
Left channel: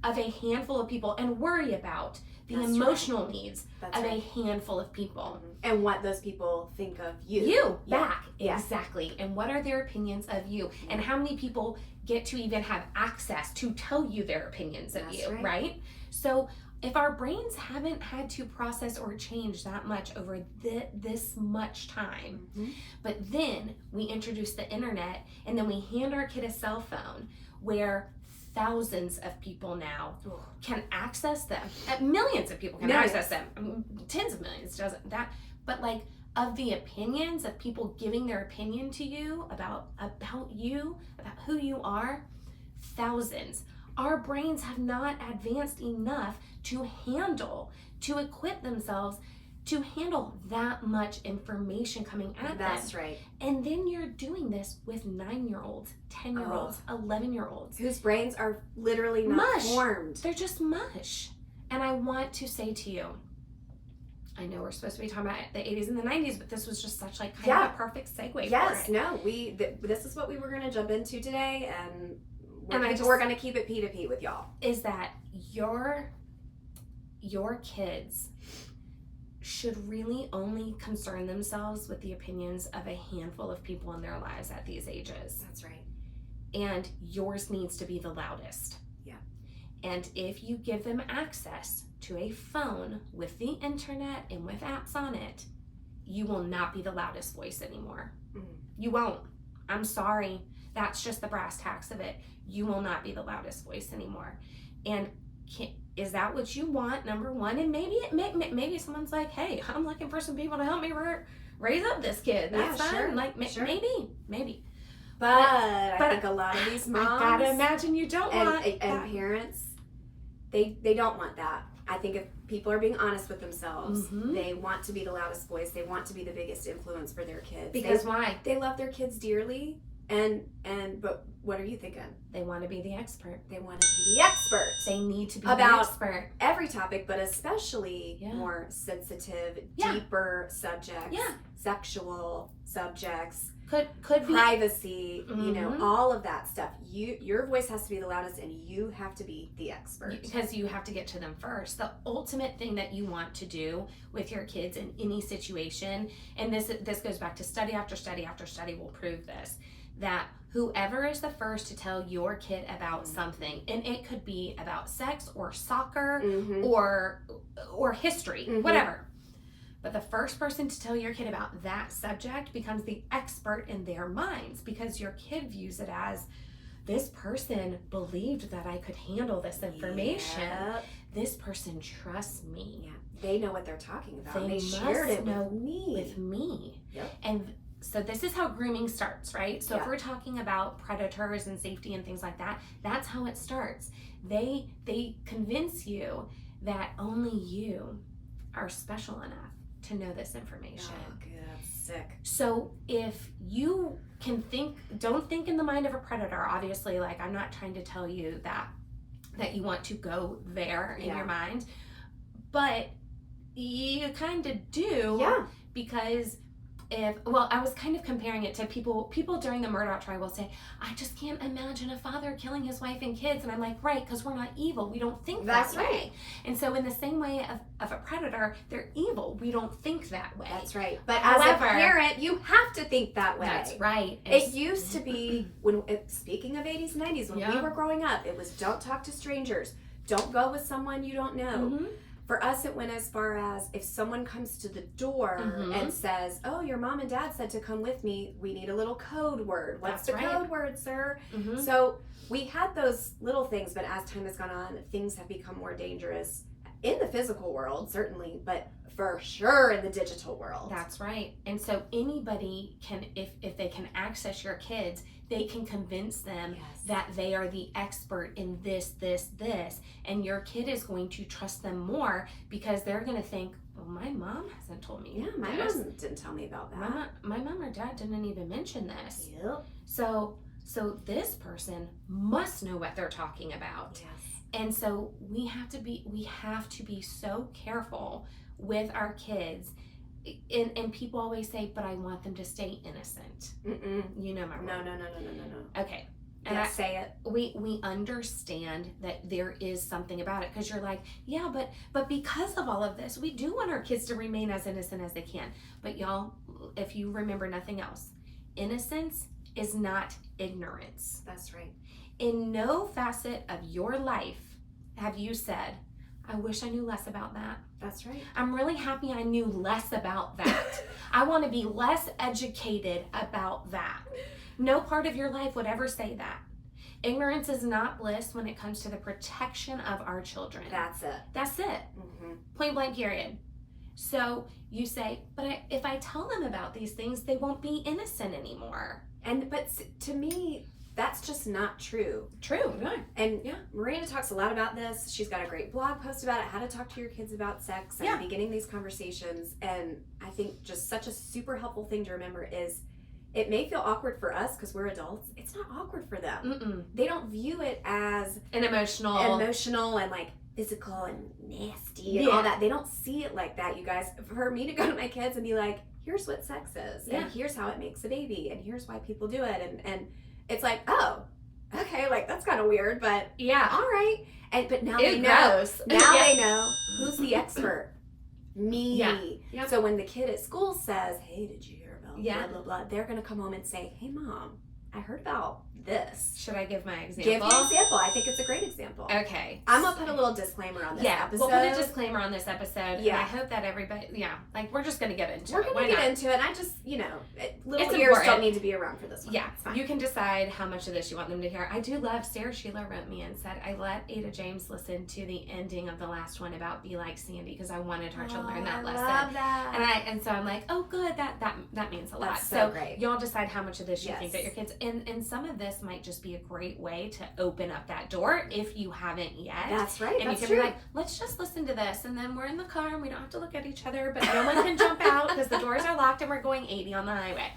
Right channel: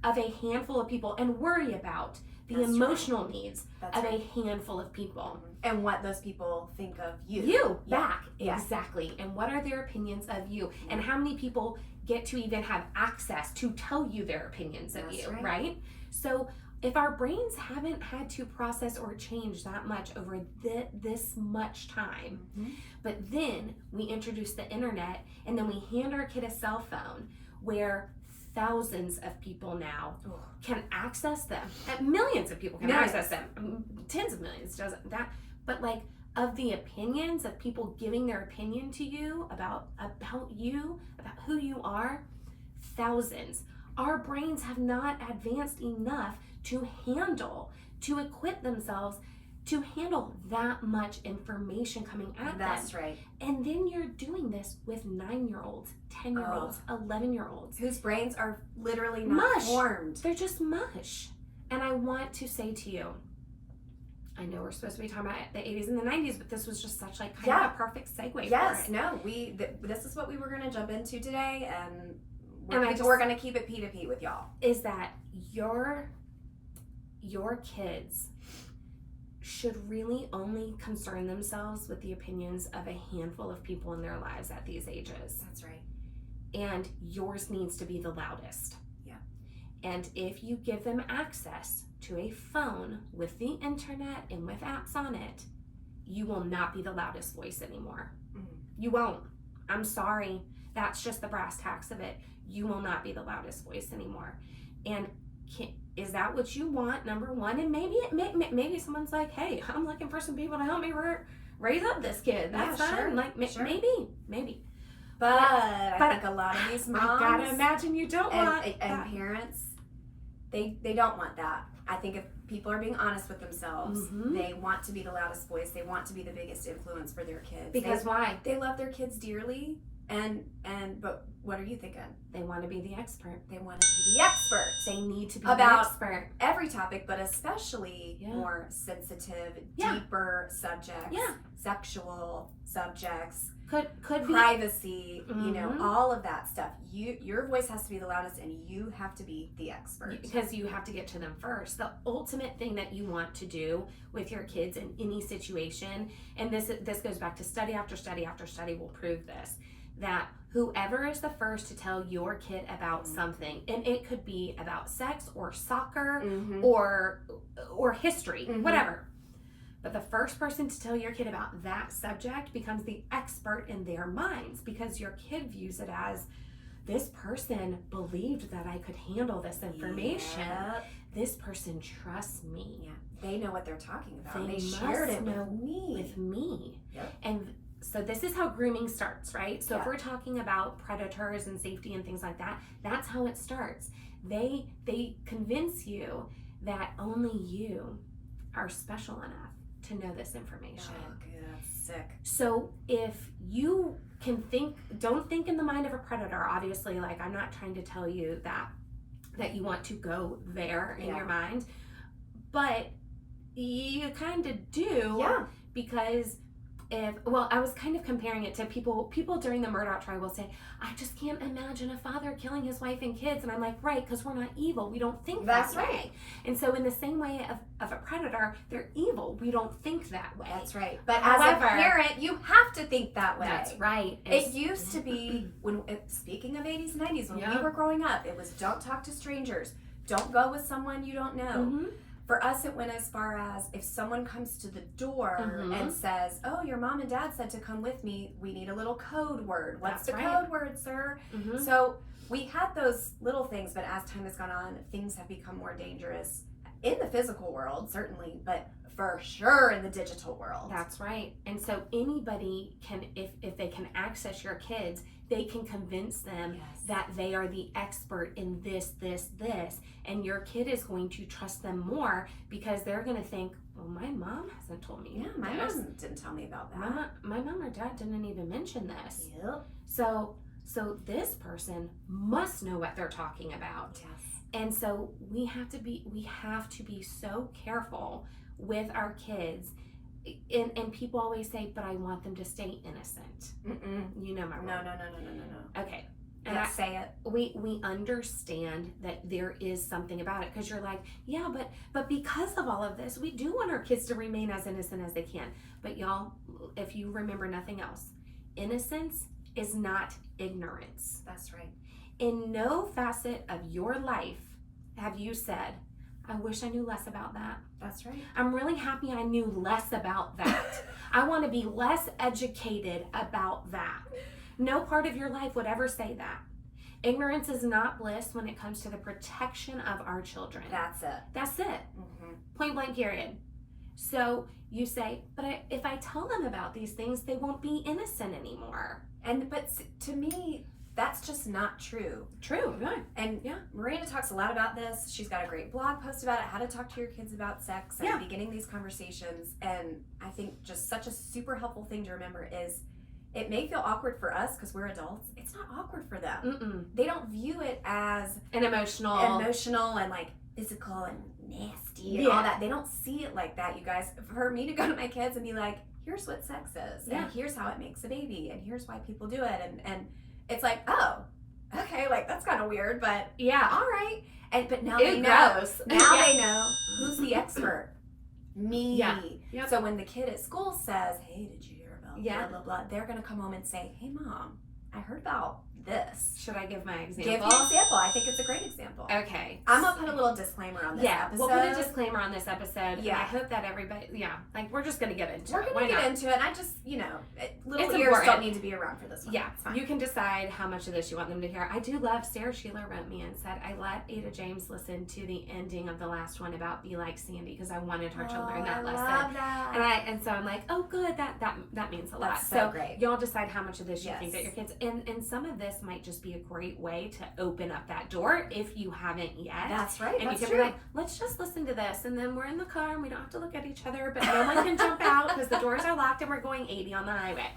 of a handful of people and worry about the emotional needs of a handful of people. And what those people think of you. You, back, exactly. And what are their opinions of you? And how many people get to even have access to tell you their opinions of you, right? So if our brains haven't had to process or change that much over this much time, but then we introduce the internet and then we hand our kid a cell phone where thousands of people now can access them. Millions of people can access them. Tens of millions doesn't that, but like of the opinions of people giving their opinion to you about you, about who you are, thousands. Our brains have not advanced enough to equip themselves to handle that much information coming at them. That's right. And then you're doing this with 9-year-olds, 10-year-olds, 11-year-olds. Whose brains are literally not formed. They're just mush. And I want to say to you, I know we're supposed to be talking about the 80s and the 90s, but this was just such like kind of a perfect segue for it. Yes, no, this is what we were going to jump into today, and we're going to keep it P2P with y'all. Is that your kids should really only concern themselves with the opinions of a handful of people in their lives at these ages. That's right. And yours needs to be the loudest. Yeah. And if you give them access to a phone with the internet and with apps on it, you will not be the loudest voice anymore. You won't. I'm sorry. That's just the brass tacks of it. You will not be the loudest voice anymore. And is that what you want, number one? And maybe someone's like, hey, I'm looking for some people to help me raise up this kid. That's fine. Sure. Like, sure. maybe. But I think a lot of these moms, I gotta imagine you don't want and parents, they don't want that. I think if people are being honest with themselves, they want to be the loudest voice. They want to be the biggest influence for their kids. Because why? They love their kids dearly, but what are you thinking? They want to be the expert. They want to be the expert. They need to be about the expert. Every topic, but especially more sensitive, deeper subjects, sexual subjects. Could privacy, you know, all of that stuff. Your voice has to be the loudest, and you have to be the expert because you have to get to them first. The ultimate thing that you want to do with your kids in any situation, and this goes back to study after study after study will prove this, that whoever is the first to tell your kid about something, and it could be about sex or soccer or history, whatever. But the first person to tell your kid about that subject becomes the expert in their minds, because your kid views it as, this person believed that I could handle this information. Yep. This person trusts me. Yeah. They know what they're talking about. They shared it know with me. Yep. And so this is how grooming starts, right? So yeah. if we're talking about predators and safety and things like that, that's how it starts. They convince you that only you are special enough to know this information. Oh, good. That's sick. So if you can don't think in the mind of a predator, obviously, like, I'm not trying to tell you that you want to go there in your mind, but you kind of do, because I was kind of comparing it to people during the Murdaugh trial will say, I just can't imagine a father killing his wife and kids. And I'm like, right, because we're not evil. We don't think that way. Right. And so in the same way of a predator, they're evil. We don't think that way. That's right. But however, as a parent, you have to think that way. That's right. It used to be, speaking of 80s and 90s, when we were growing up, it was don't talk to strangers. Don't go with someone you don't know. For us, it went as far as if someone comes to the door and says, oh, your mom and dad said to come with me, we need a little code word. What's the code word, sir? So we had those little things, but as time has gone on, things have become more dangerous in the physical world, certainly, but for sure in the digital world. That's right. And so anybody can, if they can access your kids, they can convince them that they are the expert in this, and your kid is going to trust them more because they're going to think, well, my mom hasn't told me. Yeah, my mom didn't tell me about that. My mom or dad didn't even mention this. Yep. So this person must know what they're talking about. Yes. And so we have to be so careful with our kids. And people always say, but I want them to stay innocent. You know my word. No. Okay. And I say it. We understand that there is something about it, because you're like, yeah, but because of all of this, we do want our kids to remain as innocent as they can. But y'all, if you remember nothing else, innocence is not ignorance. That's right. In no facet of your life have you said, I wish I knew less about that. That's right. I'm really happy I knew less about that. I want to be less educated about that. No part of your life would ever say that. Ignorance is not bliss when it comes to the protection of our children. That's it. Point blank period. So you say, but if I tell them about these things, they won't be innocent anymore. But to me, that's just not true. True, right. And Miranda talks a lot about this. She's got a great blog post about it, how to talk to your kids about sex and beginning these conversations. And I think just such a super helpful thing to remember is, it may feel awkward for us because we're adults. It's not awkward for them. They don't view it as an emotional and like physical and nasty and all that. They don't see it like that, you guys. For me to go to my kids and be like, here's what sex is, and here's how it makes a baby, and here's why people do it, and it's like, oh, okay, like that's kind of weird, but all right. But now they know. Now they know who's the expert. Me. Yep. So when the kid at school says, hey, did you hear about blah, blah, blah, they're going to come home and say, hey, Mom, I heard about this. Should I give my example? Give the example. I think it's a great example. Okay. I'm going to put a little disclaimer on this episode. We'll put a disclaimer on this episode. Yeah. And I hope that everybody, like, we're just going to get into it. We're going to get into it. I just, little It's ears important. don't need to be around for this one. Yeah. You can decide how much of this you want them to hear. I do love, Sarah Sheila wrote me and said, I let Ada James listen to the ending of the last one about Be Like Sandy because I wanted her to learn that lesson. I love that. And so I'm like, oh, good. That means a lot. That's so great. Y'all decide how much of this you Yes. think that your kids, and some of this might just be a great way to open up that door if you haven't yet. That's right. And That's you can true. be like, let's just listen to this, and then we're in the car and we don't have to look at each other, but no one can jump out because the doors are locked and we're going 80 on the highway.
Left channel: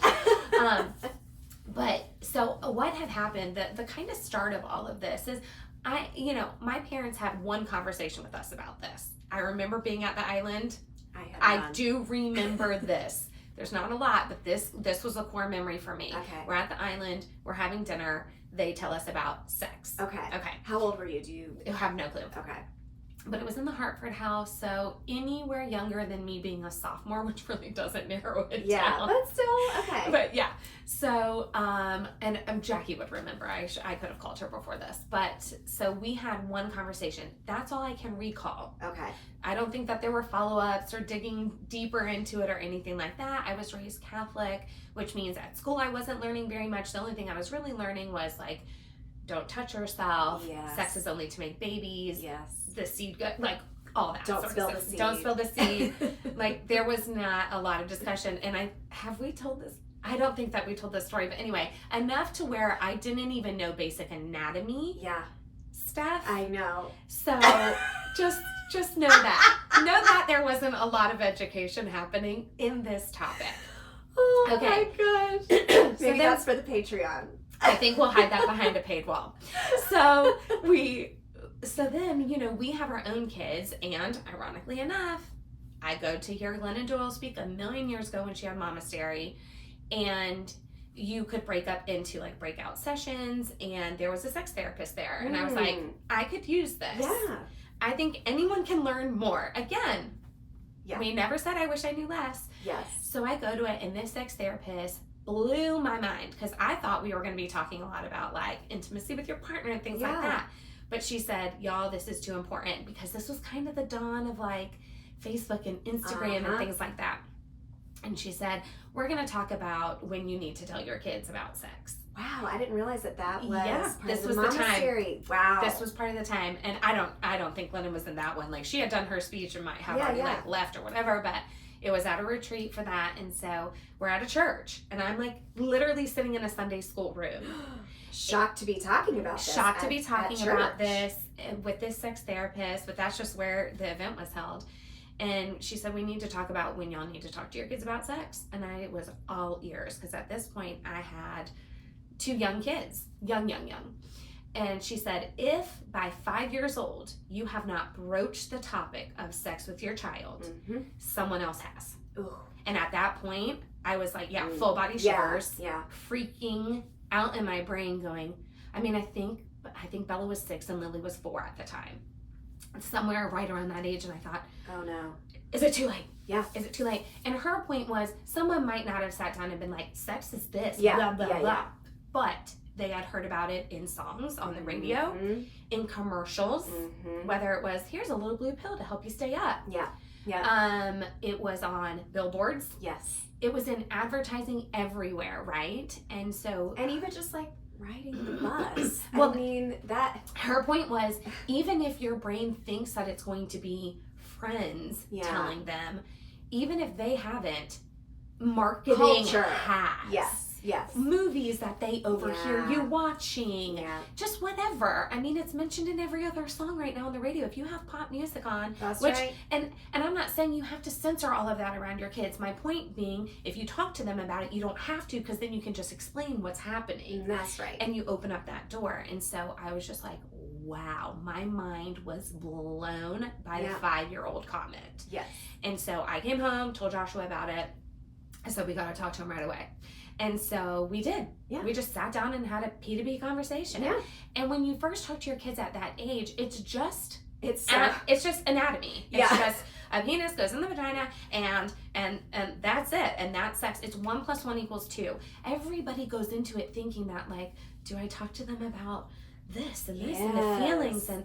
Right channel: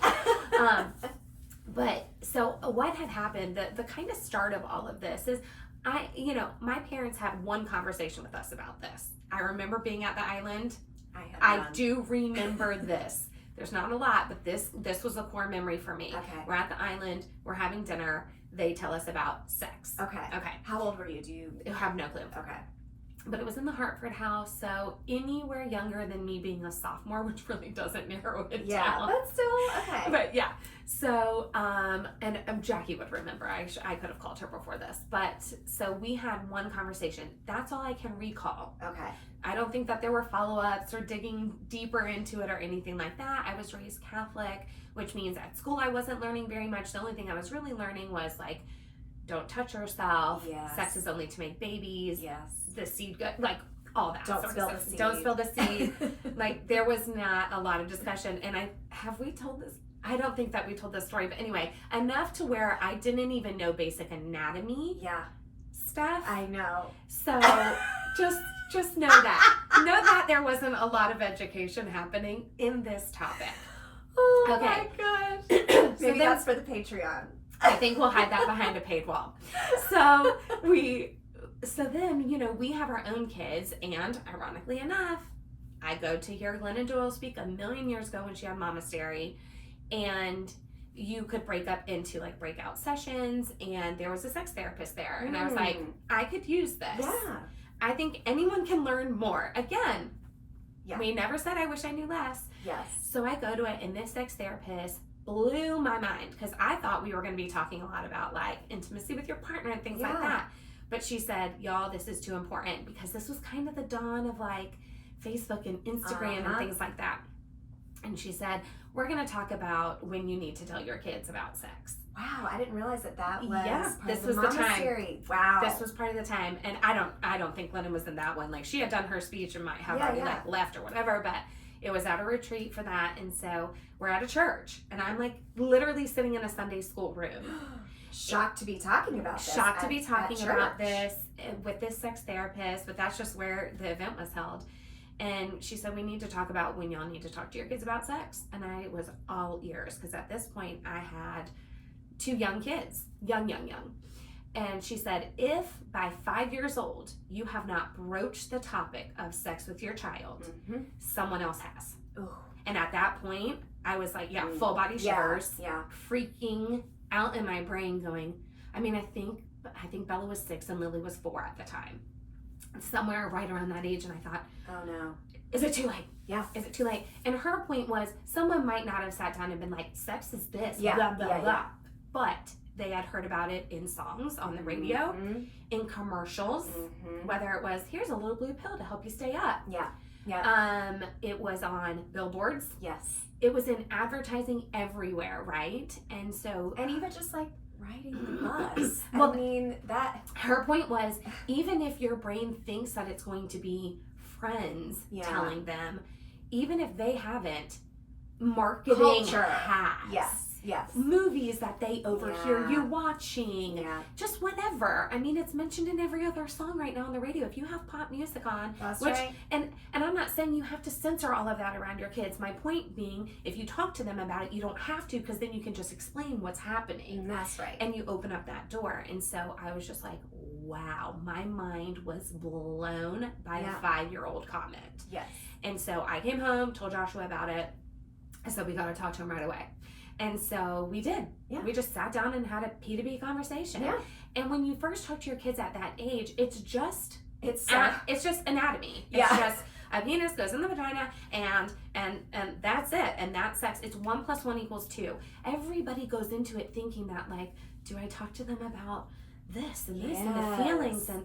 But so what had happened, the kind of start of all of this is my parents had one conversation with us about this. I remember being at the island. I do remember this. There's not a lot, but this was a core memory for me. Okay. We're at the island, we're having dinner, they tell us about sex. Okay. Okay. How old were you? Do you have no clue. Okay. But it was in the Hartford house, so anywhere younger than me being a sophomore, which really doesn't narrow it down. But still, okay. But yeah, so and Jackie would remember. I could have called her before this, but so we had one conversation. That's all I can recall. Okay. I don't think that there were follow-ups or digging deeper into it or anything like that. I was raised Catholic, which means at school I wasn't learning very much. The only thing I was really learning was like, don't touch yourself. Yes. Sex is only to make babies. Yes. The seed, like all that. Don't sort spill of the stuff. seed. Don't spill the seed. Like there was not a lot of discussion. And have we told this? I don't think that we told this story, but anyway, enough to where I didn't even know basic anatomy stuff. I know. So just know that. Know that there wasn't a lot of education happening in this topic. Oh Okay. my gosh. Maybe then- that's for the Patreon. I think we'll hide that behind a paid wall. So then, we have our own kids, and ironically enough, I go to hear Glennon Doyle speak a million years ago when she had Momastery, and you could break up into like breakout sessions, and there was a sex therapist there, and I was like, I could use this. Yeah. I think anyone can learn more. Again, Yeah. we never said I wish I knew less. Yes. So I go to it, and this sex therapist blew my mind because I thought we were going to be talking a lot about like intimacy with your partner and things like that. But she said, y'all, this is too important because this was kind of the dawn of like Facebook and Instagram and things like that. And she said, we're going to talk about when you need to tell your kids about sex. Wow, I didn't realize that was part this of was the the time. Momastery. Wow. This was part of the time. And I don't think Glennon was in that one. Like she had done her speech and might have already like left or whatever, but it was at a retreat for that. And so we're at a church and I'm like literally sitting in a Sunday school room. Shocked to be talking about this. Shocked to be talking about this with this sex therapist, but that's just where the event was held. And she said, we need to talk about when y'all need to talk to your kids about sex. And I was all ears because at this point I had 2 young kids, young. And she said, if by 5 years old you have not broached the topic of sex with your child, someone else has. Ooh. And at that point, I was like, full body shivers, freaking out in my brain going, I think Bella was 6 and Lily was 4 at the time. Somewhere right around that age. And I thought, oh no. Is it too late? Yeah. Is it too late? And her point was, someone might not have sat down and been like, sex is this, Yeah. blah, blah, blah. But they had heard about it in songs on the radio, in commercials, whether it was, here's a little blue pill to help you stay up. Yeah. It was on billboards. Yes. It was in advertising everywhere, right? And so... And even just like riding the bus. Well, I mean, that... Her point was, even if your brain thinks that it's going to be friends telling them, even if they haven't, marketing Culture. has. Yes. Movies that they overhear you watching. Yeah. Just whatever. I mean, it's mentioned in every other song right now on the radio. If you have pop music on, That's which, right. and I'm not saying you have to censor all of that around your kids. My point being, if you talk to them about it, you don't have to, because then you can just explain what's happening. That's right. And you open up that door. And so I was just like, wow, my mind was blown by the 5-year-old comment. Yes. And so I came home, told Joshua about it. I said, we got to talk to him right away. And so we did. Yeah. We just sat down and had a P2B conversation. Yeah. And when you first talk to your kids at that age, it's just It's just anatomy. It's just a penis goes in the vagina and that's it. And that's sex. It's 1 + 1 = 2. Everybody goes into it thinking that like do I talk to them about this and this and the feelings and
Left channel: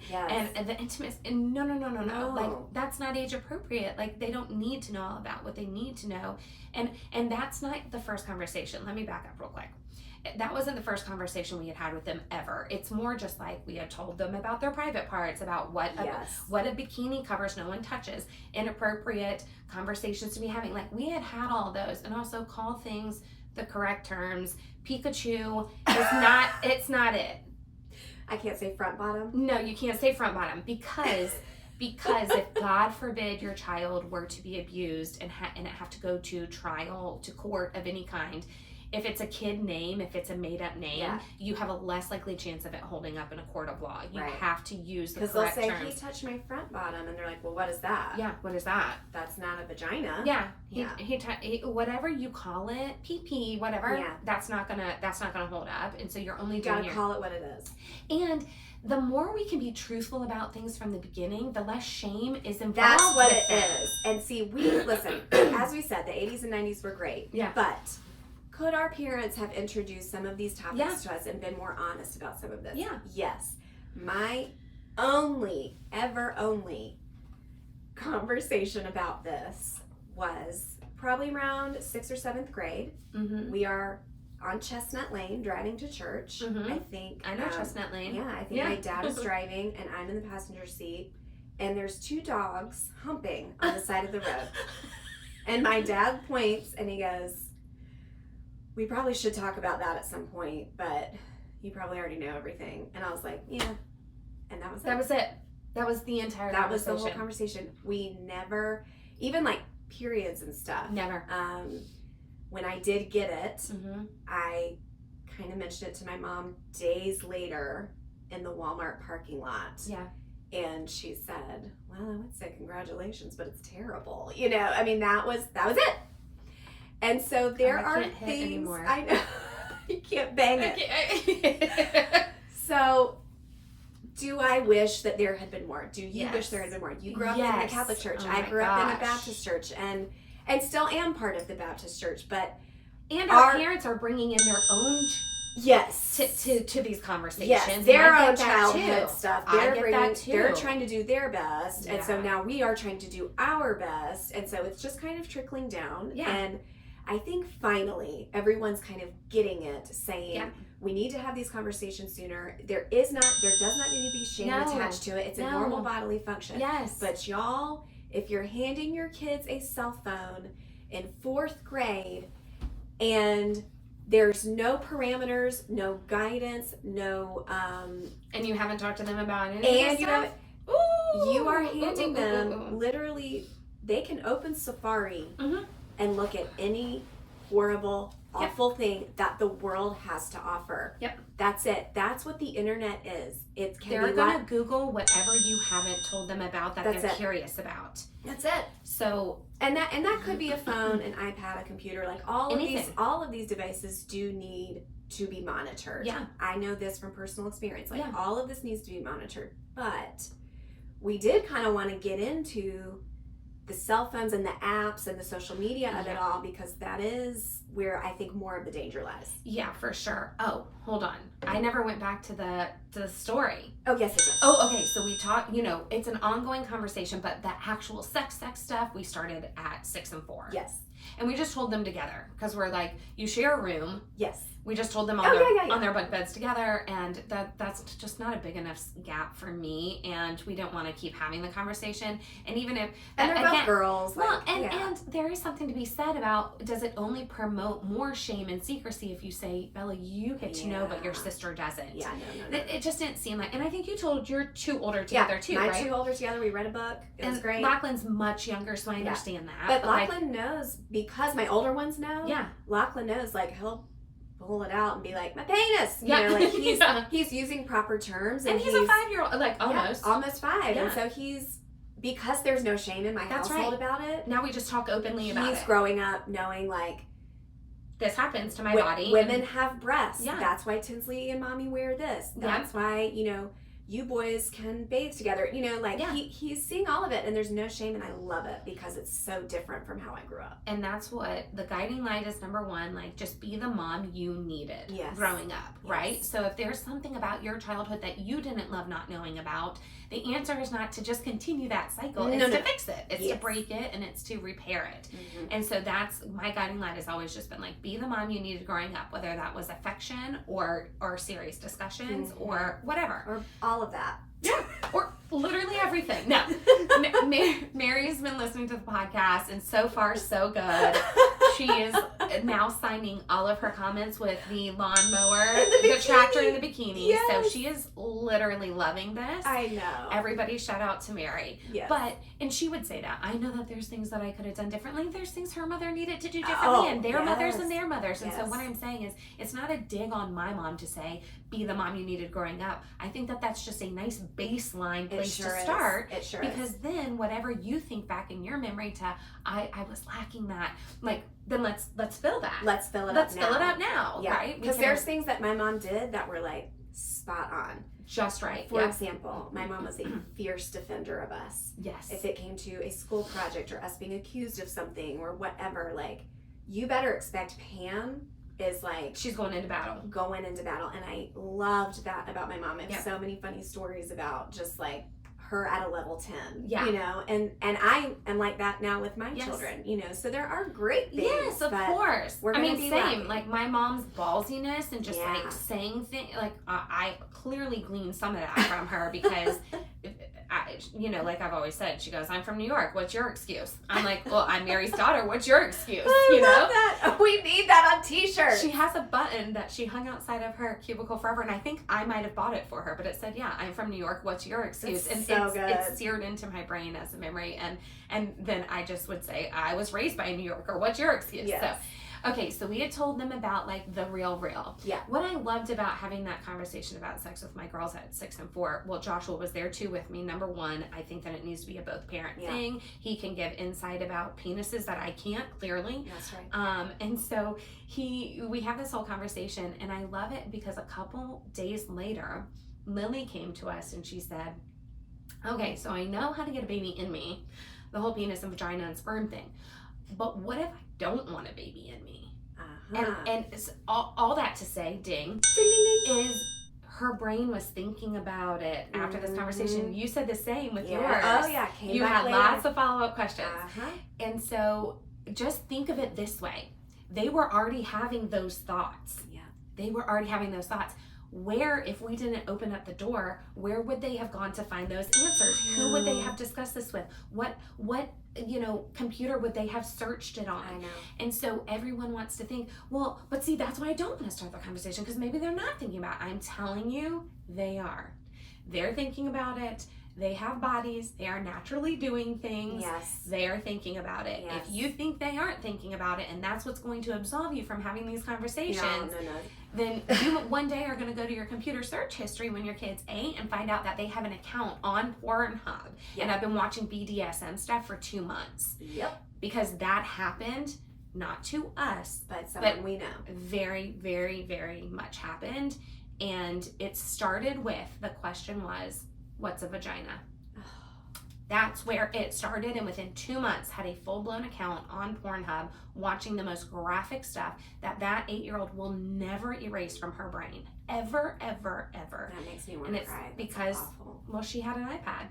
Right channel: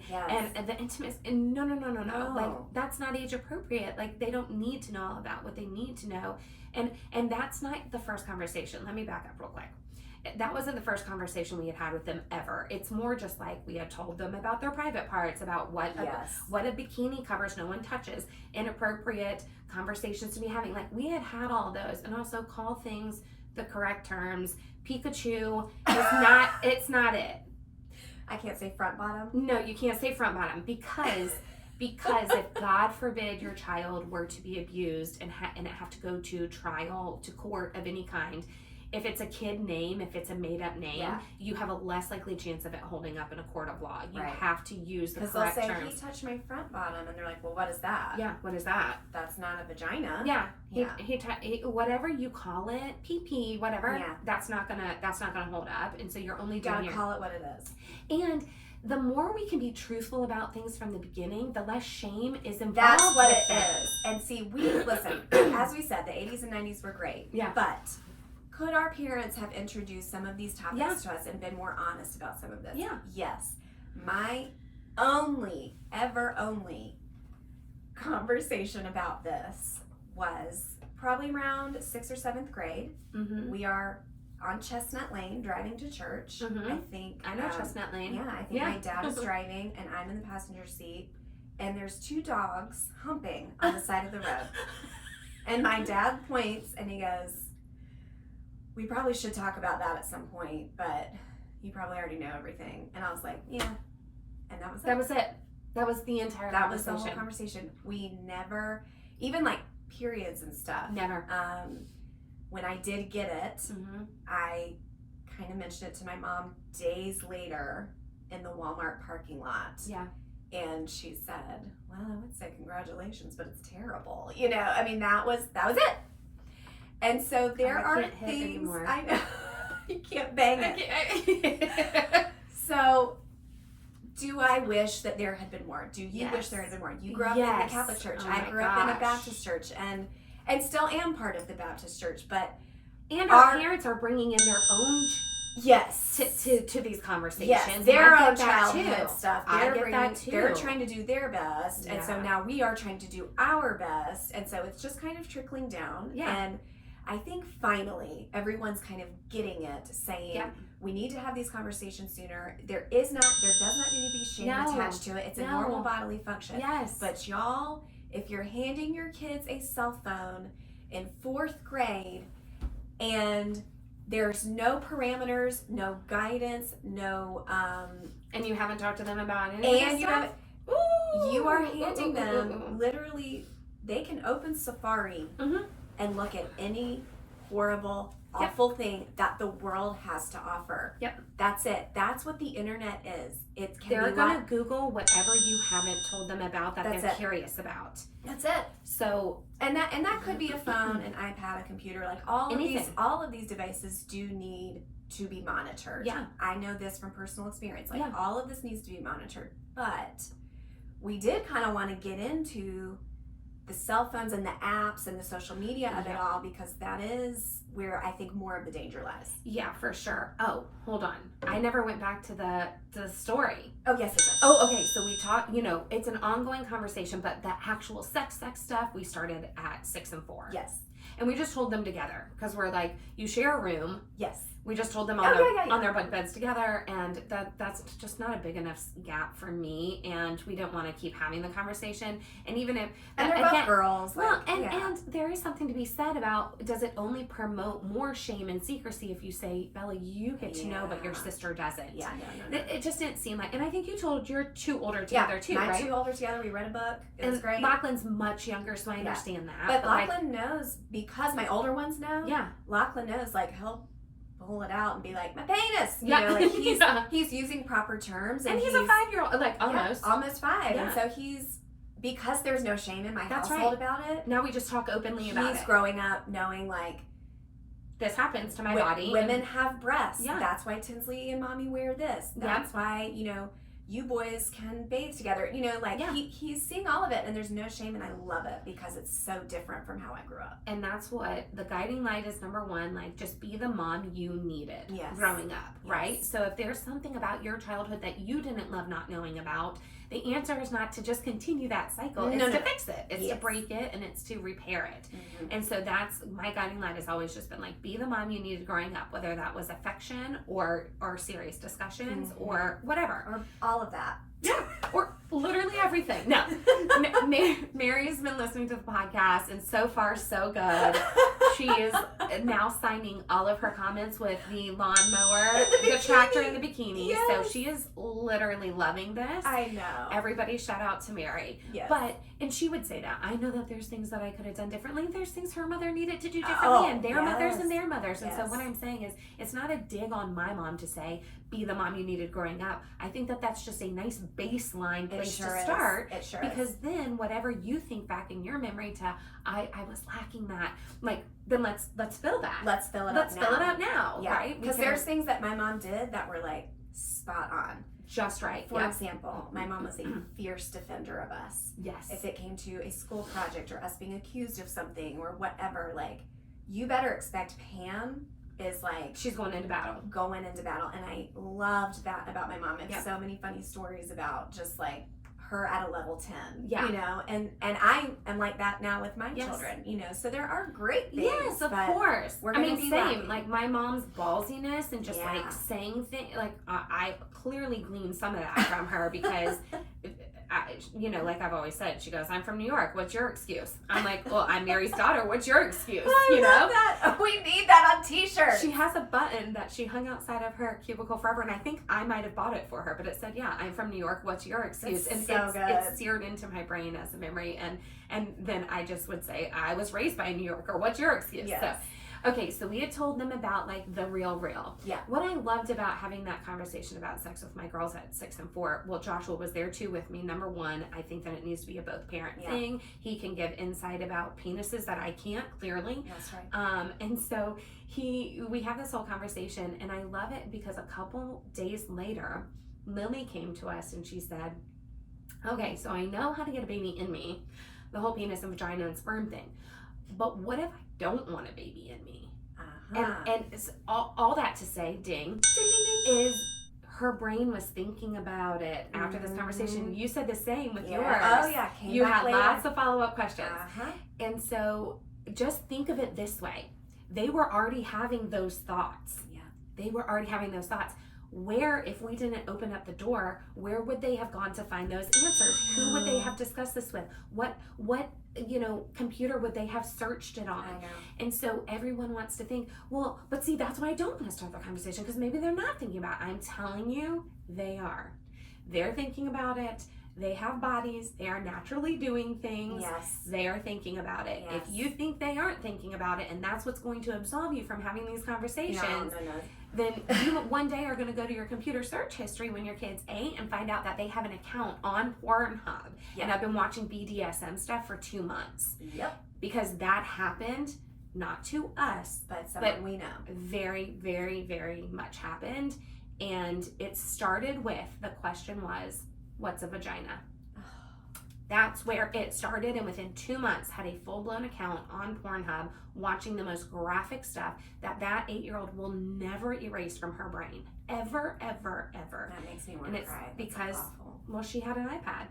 the intimacy? And no. Like, that's not age appropriate. Like, they don't need to know all about what they need to know. And that's not the first conversation. Let me back up real quick. That wasn't the first conversation we had with them ever. It's more just like we had told them about their private parts, about what a bikini covers, no one touches, inappropriate conversations to be having. Like, we had all those, and also call things the correct terms. Pikachu it's not it. I can't say front bottom. No, you can't say front bottom because if God forbid your child were to be abused and it have to go to trial, to court of any kind, if it's a kid name, if it's a made-up name, you have a less likely chance of it holding up in a court of law. You have to use the correct terms. Because they'll say, he touched my front bottom, and they're like, well, what is that? Yeah, what is that? That's not a vagina. Yeah, he whatever you call it, pee-pee, whatever, that's not gonna hold up, and so you're only doing call it what it is. And the more we can be truthful about things from the beginning, the less shame is involved. That's what it is. And see, listen, as we said, the 80s and 90s were great. Yeah. But could our parents have introduced some of these topics to us and been more honest about some of this? Yeah. Yes. My only conversation about this was probably around 6th or 7th grade. Mm-hmm. We are on Chestnut Lane driving to church. Mm-hmm. I know Chestnut Lane. Yeah, I think my dad is driving and I'm in the passenger seat, and there's 2 dogs humping on the side of the road. And my dad points and he goes, we probably should talk about that at some point, but you probably already know everything. And I was like, yeah. And that was it. That was the entire conversation. That was the whole conversation. We never, even like periods and stuff. Never. When I did get it, I kind of mentioned it to my mom days later in the Walmart parking lot. Yeah. And she said, well, I would say congratulations, but it's terrible. You know, I mean, that was it. And so there are things, I know, you can't bang it. So do I wish that there had been more? Do you wish there had been more? You grew up in a Catholic church. I grew up in a Baptist church and still am part of the Baptist church, but. And our parents are bringing in their own to these conversations. Yes, their own childhood stuff. They're trying to do their best, and so now we are trying to do our best, and so it's just kind of trickling down. Yeah. And I think finally everyone's kind of getting it, saying we need to have these conversations sooner. There does not need to be shame attached to it. It's a normal bodily function. Yes. But y'all, if you're handing your kids a cell phone in 4th grade and there's no parameters, no guidance, no and you haven't talked to them about it, and you are handing them literally, they can open Safari and look at any horrible, awful thing that the world has to offer. Yep. That's it. That's what the internet is. They're going to Google whatever you haven't told them about that they're curious about. That's it. So, and that could be a phone, an iPad, a computer, like all of these devices do need to be monitored. Yeah. I know this from personal experience. Like all of this needs to be monitored. But we did kind of want to get into the cell phones and the apps and the social media of it all, because that is where I think more of the danger lies. Yeah, for sure. Oh, hold on. I never went back to the story. Oh, yes, it does. Oh, okay. So we talked, it's an ongoing conversation, but the actual sex stuff, we started at 6 and 4. Yes. And we just told them together because we're like, you share a room. Yes. We just told them on their bunk beds together, and that's just not a big enough gap for me, and we don't want to keep having the conversation. And even if they're both girls, and there is something to be said about, does it only promote more shame and secrecy if you say, Bella, you get to know, but your sister doesn't? Yeah, no. It just didn't seem like, and I think you told your 2 older together too, right? My 2 older together. We read a book. It was great. Lachlan's much younger, so I understand that. But Lachlan knows, because my older ones know. Yeah. Lachlan knows, like he'll pull it out and be like, my penis, like he's using proper terms, and he's a 5-year-old, like almost 5, and so he's, because there's no shame in my household about it. Now we just talk openly about it. He's growing up knowing, like, this happens to my body. Women have breasts. Yeah. That's why Tinsley and Mommy wear this. That's why, you boys can bathe together. You know, like he's seeing all of it, and there's no shame, and I love it because it's so different from how I grew up. And that's what the guiding light is. Number one, like, just be the mom you needed growing up, right? So if there's something about your childhood that you didn't love not knowing about, the answer is not to just continue that cycle. It's to fix it. It's to break it, and it's to repair it. And so that's my guiding light has always just been like, be the mom you needed growing up, whether that was affection or serious discussions or whatever. Or all of that. Yeah, or literally everything. No, Mary's been listening to the podcast, and so far so good. She is now signing all of her comments with the lawnmower, the tractor, and the bikini. Yes. So she is literally loving this. I know. Everybody shout out to Mary. Yes. And she would say that. I know that there's things that I could have done differently. There's things her mother needed to do differently, and their mothers and their mothers. And so what I'm saying is, it's not a dig on my mom to say, be the mom you needed growing up. I think that that's just a nice baseline place to start. It sure because then whatever you think back in your memory to, I was lacking that, like, then let's fill that. Let's fill it up now. Yeah. Right? Because there's things that my mom did that were like spot on. Just right. For example, my mom was a fierce defender of us. Yes. If it came to a school project or us being accused of something or whatever, like, you better expect Pam is like, she's going into battle. And I loved that about my mom. I have so many funny stories about just like her at a level 10, you know, and I am like that now with my children, you know, so there are great things. Yes, of course. We're gonna be same, lucky. like my mom's ballsiness and just like saying things, like I clearly gleaned some of that from her because you know, like I've always said, she goes, I'm from New York. What's your excuse? I'm like, well, I'm Mary's daughter. What's your excuse? I love that. We need that on t-shirts. She has a button that she hung outside of her cubicle forever, and I think I might have bought it for her, but it said, I'm from New York. What's your excuse? That's and it's seared into my brain as a memory. And then I just would say, I was raised by a New Yorker. What's your excuse? Yes. So, okay, so we had told them about like the real. Yeah. What I loved about having that conversation about sex with my girls at 6 and 4, well, Joshua was there too with me. Number one, I think that it needs to be a both parent thing. He can give insight about penises that I can't, clearly. That's right. And so we have this whole conversation, and I love it because a couple days later, Lily came to us and she said, okay, so I know how to get a baby in me, the whole penis and vagina and sperm thing, but what if I don't want a baby in me? And it's all that to say, ding, is her brain was thinking about it after this conversation. You said the same with yours. Oh yeah, you had lots of follow-up questions. And so just think of it this way. They were already having those thoughts. Yeah. They were already having those thoughts. Where, if we didn't open up the door, where would they have gone to find those answers? Who would they have discussed this with? What computer would they have searched it on? I know. And so everyone wants to think, well, but see, that's why I don't want to start the conversation, because maybe they're not thinking about it. I'm telling you, they are. They're thinking about it. They have bodies. They are naturally doing things. Yes. They are thinking about it. Yes. If you think they aren't thinking about it, and that's what's going to absolve you from having these conversations, no. then you one day are going to go to your computer search history when your kid's 8 and find out that they have an account on Pornhub. And I've been watching BDSM stuff for 2 months. Yep. Because that happened, not to us, but someone we know. Very, very, very much happened. And it started with, the question was, what's a vagina? That's where it started, and within 2 months had a full-blown account on Pornhub watching the most graphic stuff that 8-year-old will never erase from her brain. Ever, ever, ever. That makes me want to cry. Because, well, she had an iPad.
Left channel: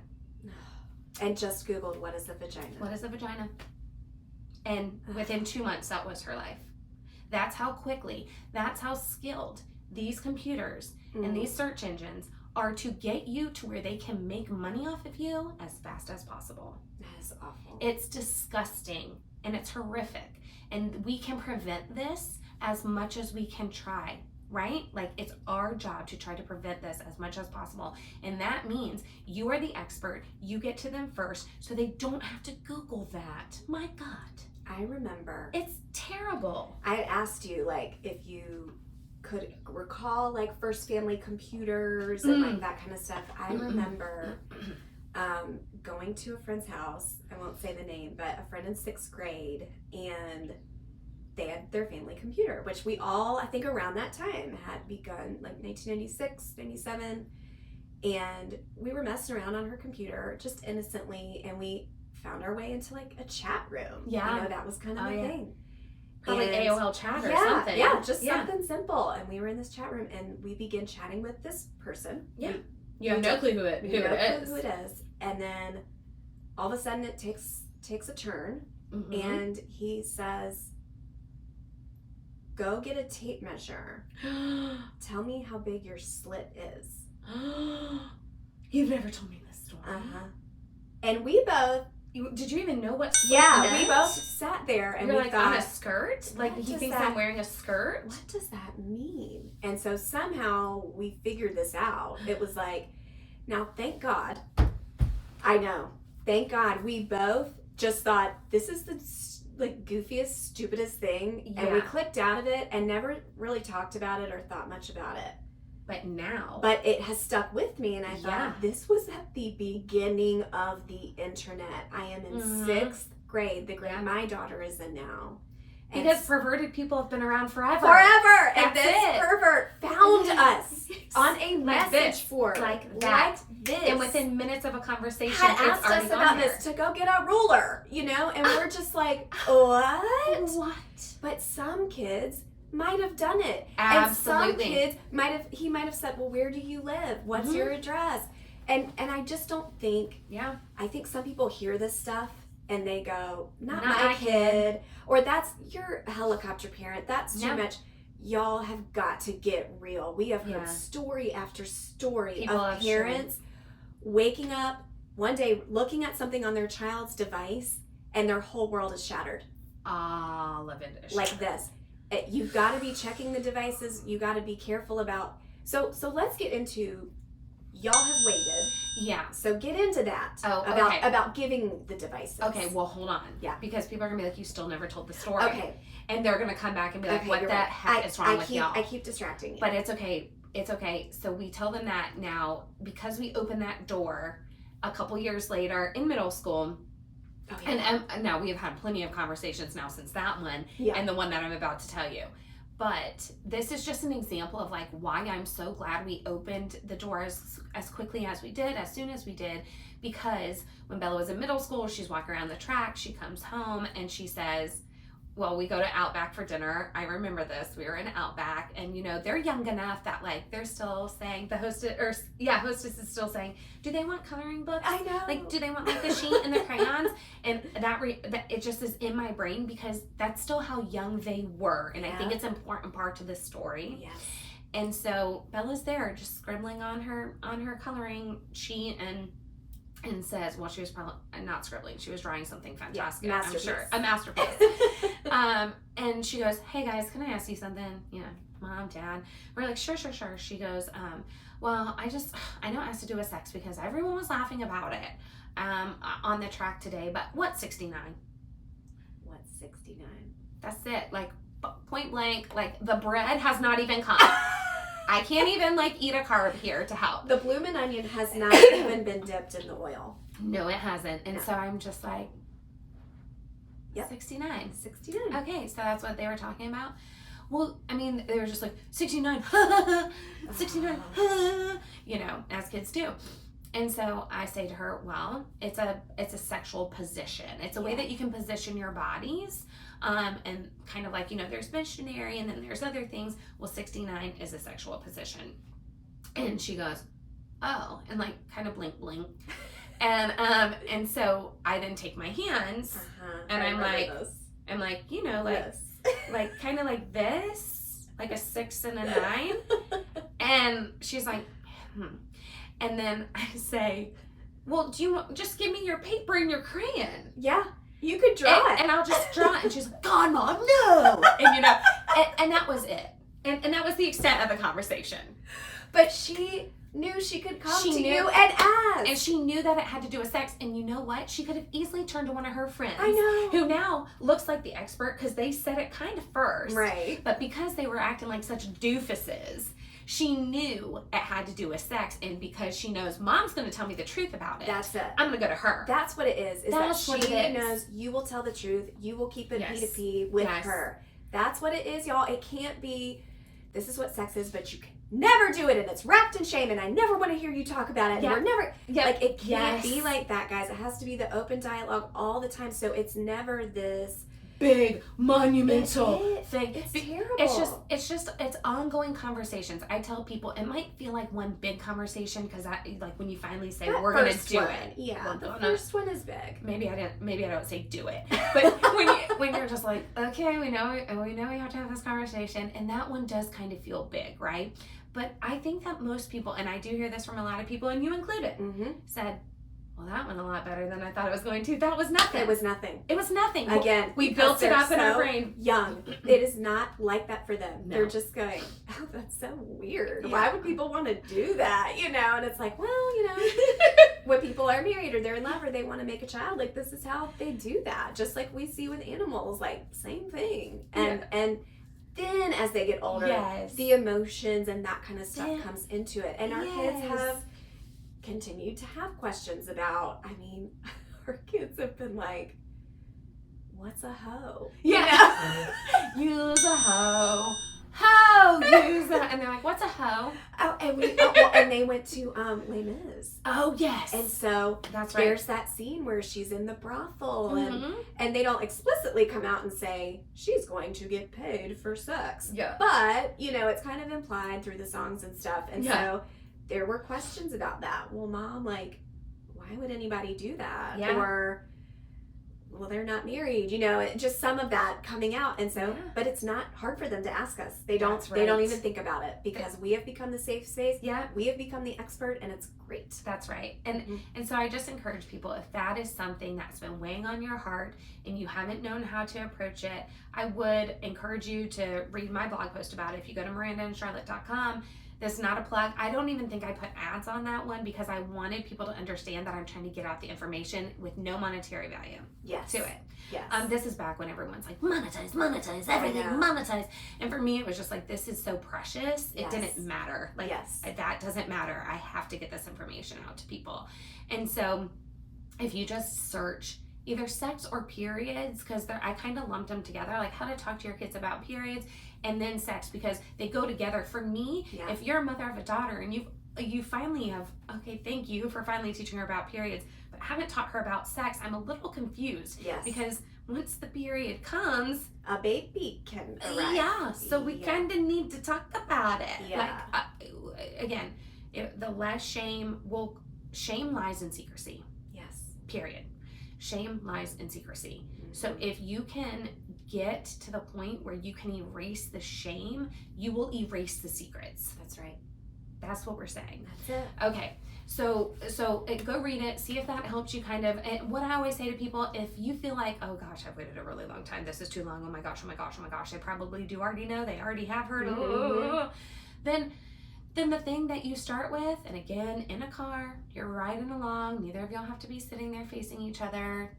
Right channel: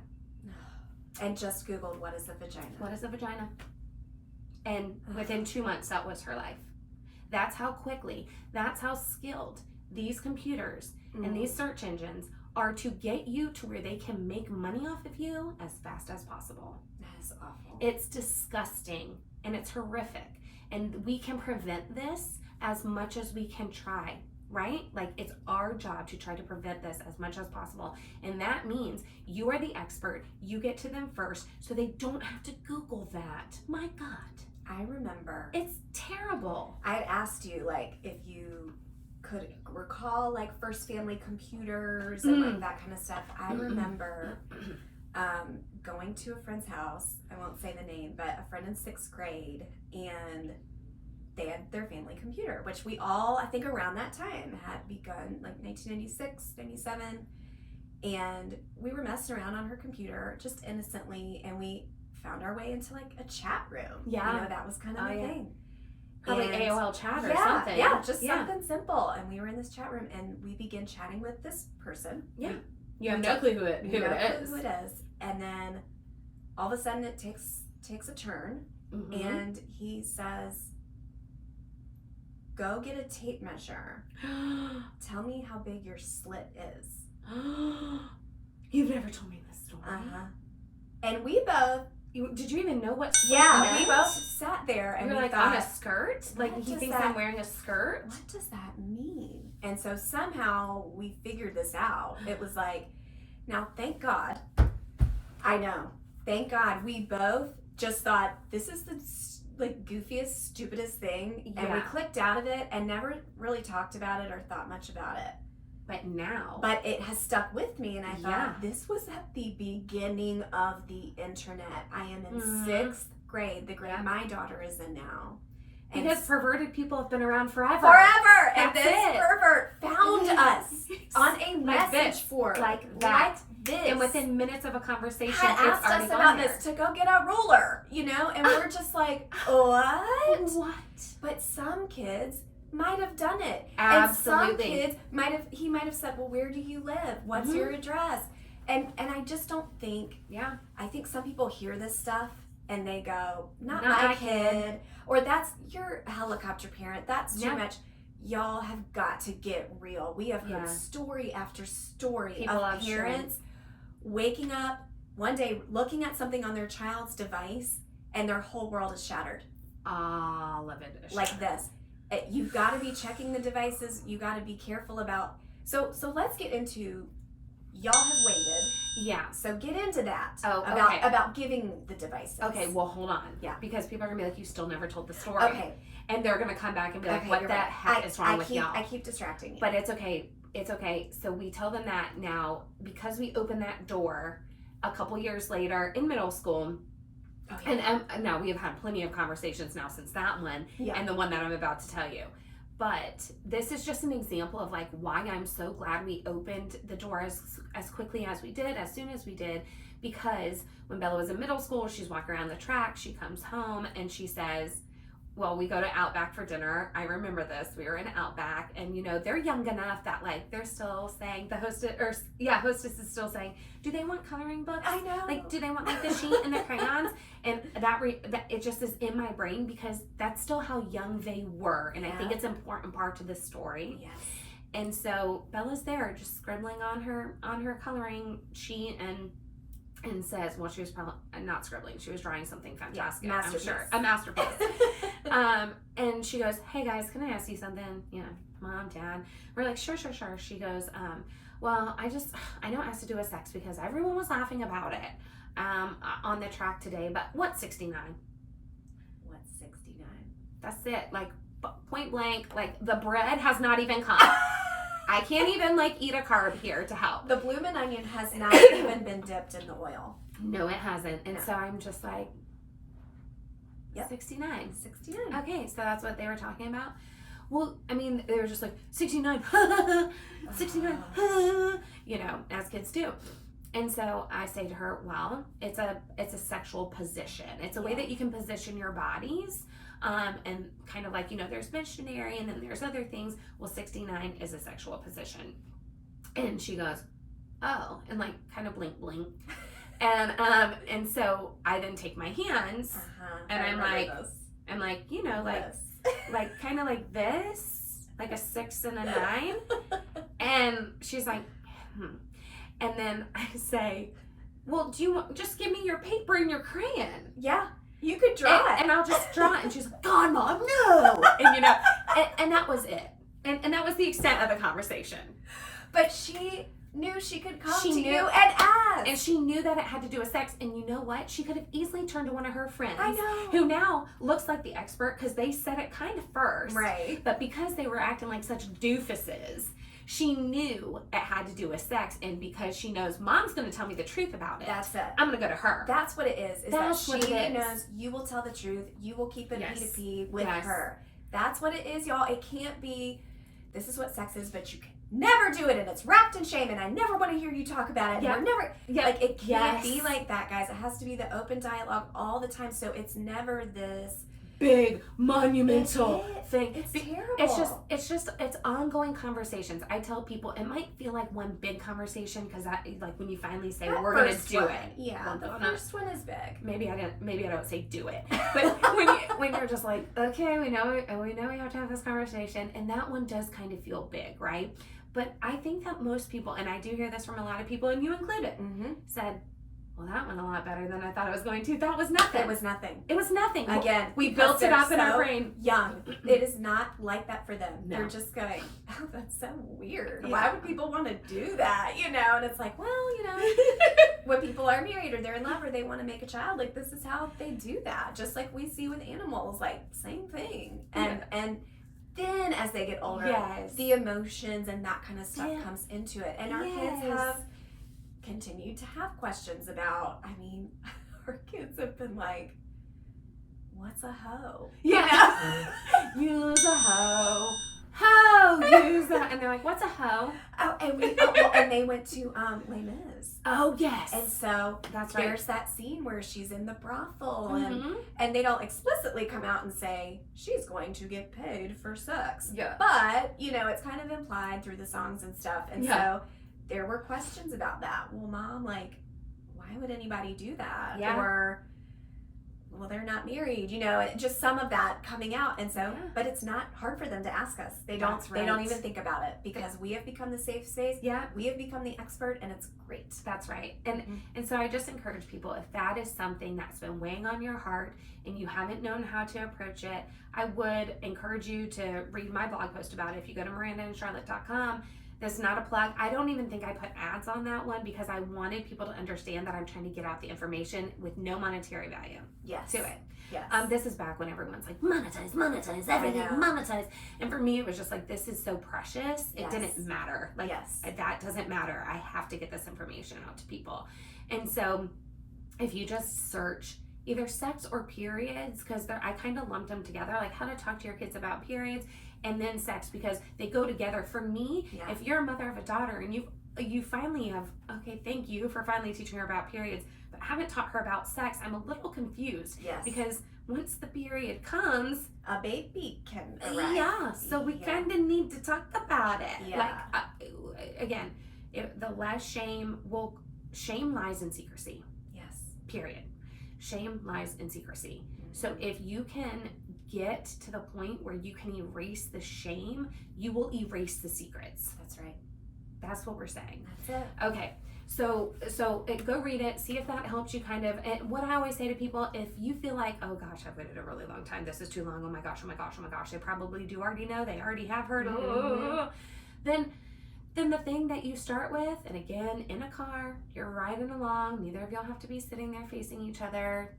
And just Googled, what is a vagina? What is a vagina? And within 2 months, that was her life. That's how quickly, that's how skilled these computers and these search engines are to get you to where they can make money off of you as fast as possible. That is awful. It's disgusting and it's horrific. And we can prevent this as much as we can try, right? Like, it's our job to try to prevent this as much as possible. And that means you are the expert. You get to them first so they don't have to Google that. My God. I remember. It's terrible. I asked you, like, if you could recall, like, first family computers and like that kind of stuff. I remember going to a friend's house. I won't say the name, but a friend in 6th grade, and they had their family computer, which we all, I think around that time, had begun, like 1996, 97. And we were messing around on her computer just innocently, and we found our way into like a chat room. Yeah. You know, that was kind of a thing. Probably And AOL chat or something. Yeah, just something simple. And we were in this chat room, and we began chatting with this person. Yeah. You have no clue who it is. And then all of a sudden it takes a turn, and he says, go get a tape measure. Tell me how big your slit is. You've never told me this story. And we both... Did you even know what slit meant? We meant? both sat there and we were like, thought, on a skirt? Like, he thinks I'm wearing a skirt? What does that mean? And so somehow we figured this out. It was like, now thank God, I know, thank God we both just thought, this is the like goofiest, stupidest thing. And we clicked out of it and never really talked about it or thought much about it. But it has stuck with me, and I thought, this was at the beginning of the internet. I am in 6th grade, the grade my daughter is in now. And because perverted people have been around forever. And this pervert found us on a message board. Like that. This. And within minutes of a conversation, had asked us about this to go get a ruler, you know? And we're just like, what? What? But some kids might have done it. Absolutely. And some kids he might have said, well, where do you live? What's your address? And I just don't think, I think some people hear this stuff and they go, not my kid. Or that's, you're a helicopter parent. That's too much. Y'all have got to get real. We have heard story after story of parents waking up one day, looking at something on their child's device, and their whole world is shattered. All of it is like this. You've got to be checking the devices. You got to be careful about. So let's get into. Y'all have waited. Yeah. So get into that. Oh, about giving the devices. Okay. Well, hold on. Yeah. Because people are gonna be like, you still never told the story. Okay. And they're gonna come back and be like, what the heck is wrong with y'all? I keep distracting you. But it's okay. It's okay. So we tell them that now because we opened that door a couple years later in middle school. Oh, yeah. And now we've had plenty of conversations now since that one and the one that I'm about to tell you. But this is just an example of like why I'm so glad we opened the door as quickly as we did, as soon as we did, because when Bella was in middle school, she's walking around the track, she comes home and she says, well, we go to Outback for dinner. I remember this. We were in Outback, and you know, they're young enough that like they're still saying, hostess is still saying, do they want coloring books? I know. Like, do they want like the sheet and the crayons? And that it just is in my brain because that's still how young they were, and I think it's an important part to this story. Yes. And so Bella's there just scribbling on her coloring sheet and says, well, she was probably not scribbling. She was drawing something fantastic. Yeah, I'm sure. A masterpiece. And she goes, hey guys, can I ask you something? You know, Mom, Dad. We're like, sure. She goes, well, I know it has to do with sex because everyone was laughing about it on the track today, but what's 69? What's 69? That's it. Like, point blank, like the bread has not even come. I can't even like eat a carb here to help. The bloomin' onion has not even been dipped in the oil. No, it hasn't. And so I'm just like, 69. 69. Okay, so that's what they were talking about. Well, I mean, they were just like, 69, 69, you know, as kids do. And so I say to her, well, it's a sexual position. It's a way that you can position your bodies. And kind of like, you know, there's missionary and then there's other things. Well, 69 is a sexual position. And she goes, oh, and like kind of blink. And so I then take my hands and I'm like, you know, like, like kind of like this, like a 6 and a 9. And she's like, And then I say, well, do you want, just give me your paper and your crayon. Yeah. You could draw it. And I'll just draw it. And she's like, God, Mom, no. And you know, and that was it. And that was the extent of the conversation. But she knew she could come to you and ask. And she knew that it had to do with sex. And you know what? She could have easily turned to one of her friends. I know. Who now looks like the expert because they said it kind of first. Right. But because they were acting like such doofuses, she knew it had to do with sex, and because she knows Mom's going to tell me the truth about it. That's it. I'm going to go to her. That's what it is. That's that she knows you will tell the truth. You will keep it P2P with her. That's what it is, y'all. It can't be, this is what sex is, but you can never do it, and it's wrapped in shame, and I never want to hear you talk about it, and we're never, like, it can't be like that, guys. It has to be the open dialogue all the time, so it's never this big monumental thing. It's terrible. It's ongoing conversations. I tell people it might feel like one big conversation because like when you finally say that we're gonna do one, it. Yeah, the first one is big. Maybe I don't say do it, but when you're just like, okay, we know we have to have this conversation, and that one does kind of feel big, right? But I think that most people, and I do hear this from a lot of people, and you included, said, well, that went a lot better than I thought it was going to. That was nothing. It was nothing. It was nothing. Again, we built it up in our brain. Young. It is not like that for them. No. They're just going, oh, that's so weird. Yeah. Why would people want to do that? You know, and it's like, well, you know, when people are married or they're in love or they want to make a child, like, this is how they do that. Just like we see with animals, like, same thing. And then as they get older, the emotions and that kind of stuff comes into it. And our kids have continued to have questions about, I mean, our kids have been like, what's a hoe? Yeah. Use a hoe. Use that. And they're like, what's a hoe? Oh, and they went to Les Mis. Oh, yes. And so that's right. There's that scene where she's in the brothel and they don't explicitly come out and say she's going to get paid for sex. Yeah. But, you know, it's kind of implied through the songs and stuff. And so there were questions about that. Well, Mom, like, why would anybody do that? Yeah. Or, well, they're not married, you know, just some of that coming out. And so, but it's not hard for them to ask us. They don't even think about it because we have become the safe space. Yeah. We have become the expert, and it's great. That's right. And so I just encourage people, if that is something that's been weighing on your heart and you haven't known how to approach it, I would encourage you to read my blog post about it. If you go to mirandaandcharlotte.com, this is not a plug. I don't even think I put ads on that one because I wanted people to understand that I'm trying to get out the information with no monetary value to it. Yes. This is back when everyone's like, monetize, everything, monetize. And for me, it was just like, this is so precious. It didn't matter. Like, that doesn't matter. I have to get this information out to people. And so if you just search either sex or periods, because I kind of lumped them together, like how to talk to your kids about periods and then sex, because they go together. For me, if you're a mother of a daughter and you finally have, okay, thank you for finally teaching her about periods, but haven't taught her about sex, I'm a little confused. Because once the period comes, a baby can arrive. Yeah, so we kind of need to talk about it. Like, again, the less shame lies in secrecy. Yes. Period. Shame lies in secrecy. So if you can get to the point where you can erase the shame, you will erase the secrets. That's right. That's what we're saying. That's it. Okay. So go read it. See if that helps you kind of. And what I always say to people, if you feel like, oh gosh, I've waited a really long time. This is too long. Oh my gosh. They probably do already know. They already have heard. Then the thing that you start with, and again, in a car, you're riding along. Neither of y'all have to be sitting there facing each other.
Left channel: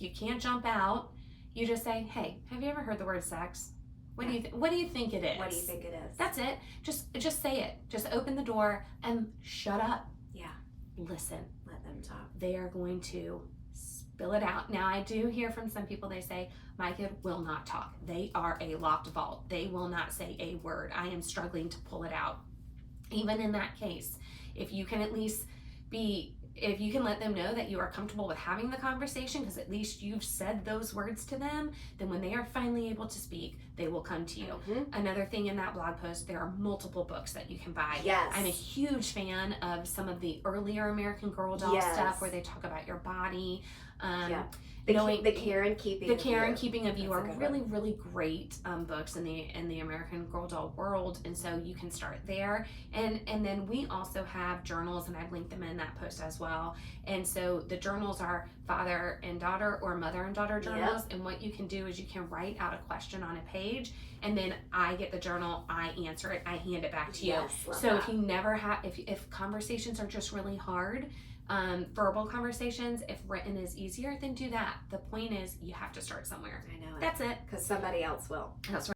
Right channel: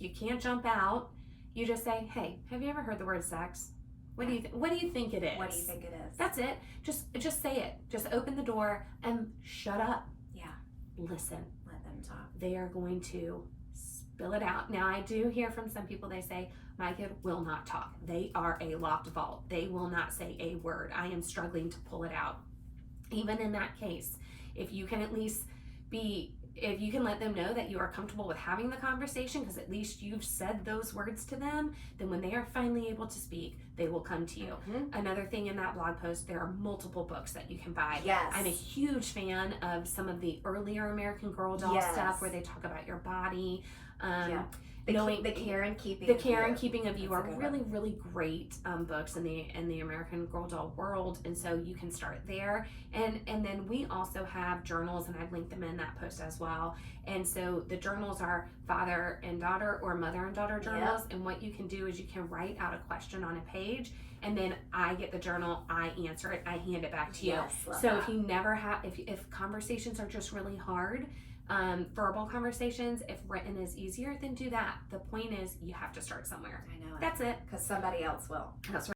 You can't jump out. You just say, hey, have you ever heard the word sex? What do you think it is? What do you think it is? That's it. Just say it. Just open the door and shut up. Yeah. Listen. Let them talk. They are going to spill it out. Now, I do hear from some people, they say, my kid will not talk. They are a locked vault. They will not say a word. I am struggling to pull it out. Even in that case, if you can at least if you can let them know that you are comfortable with having the conversation, because at least you've said those words to them, then when they are finally able to speak, they will come to you. Another thing in that blog post, there are multiple books that you can buy. Yes. I'm a huge fan of some of the earlier American Girl doll stuff where they talk about your body. The care and keeping of you are really, really great books in the American Girl doll world, and so you can start there. And then we also have journals, and I've linked them in that post as well. And so the journals are father and daughter or mother and daughter journals. And what you can do is you can write out a question on a page, and then I get the journal, I answer it, I hand it back to you. So if you never have, if conversations are just really hard, verbal conversations, if written is easier, then do that. The point is, you have to start somewhere. I know. That's it. Because somebody else will. That's right.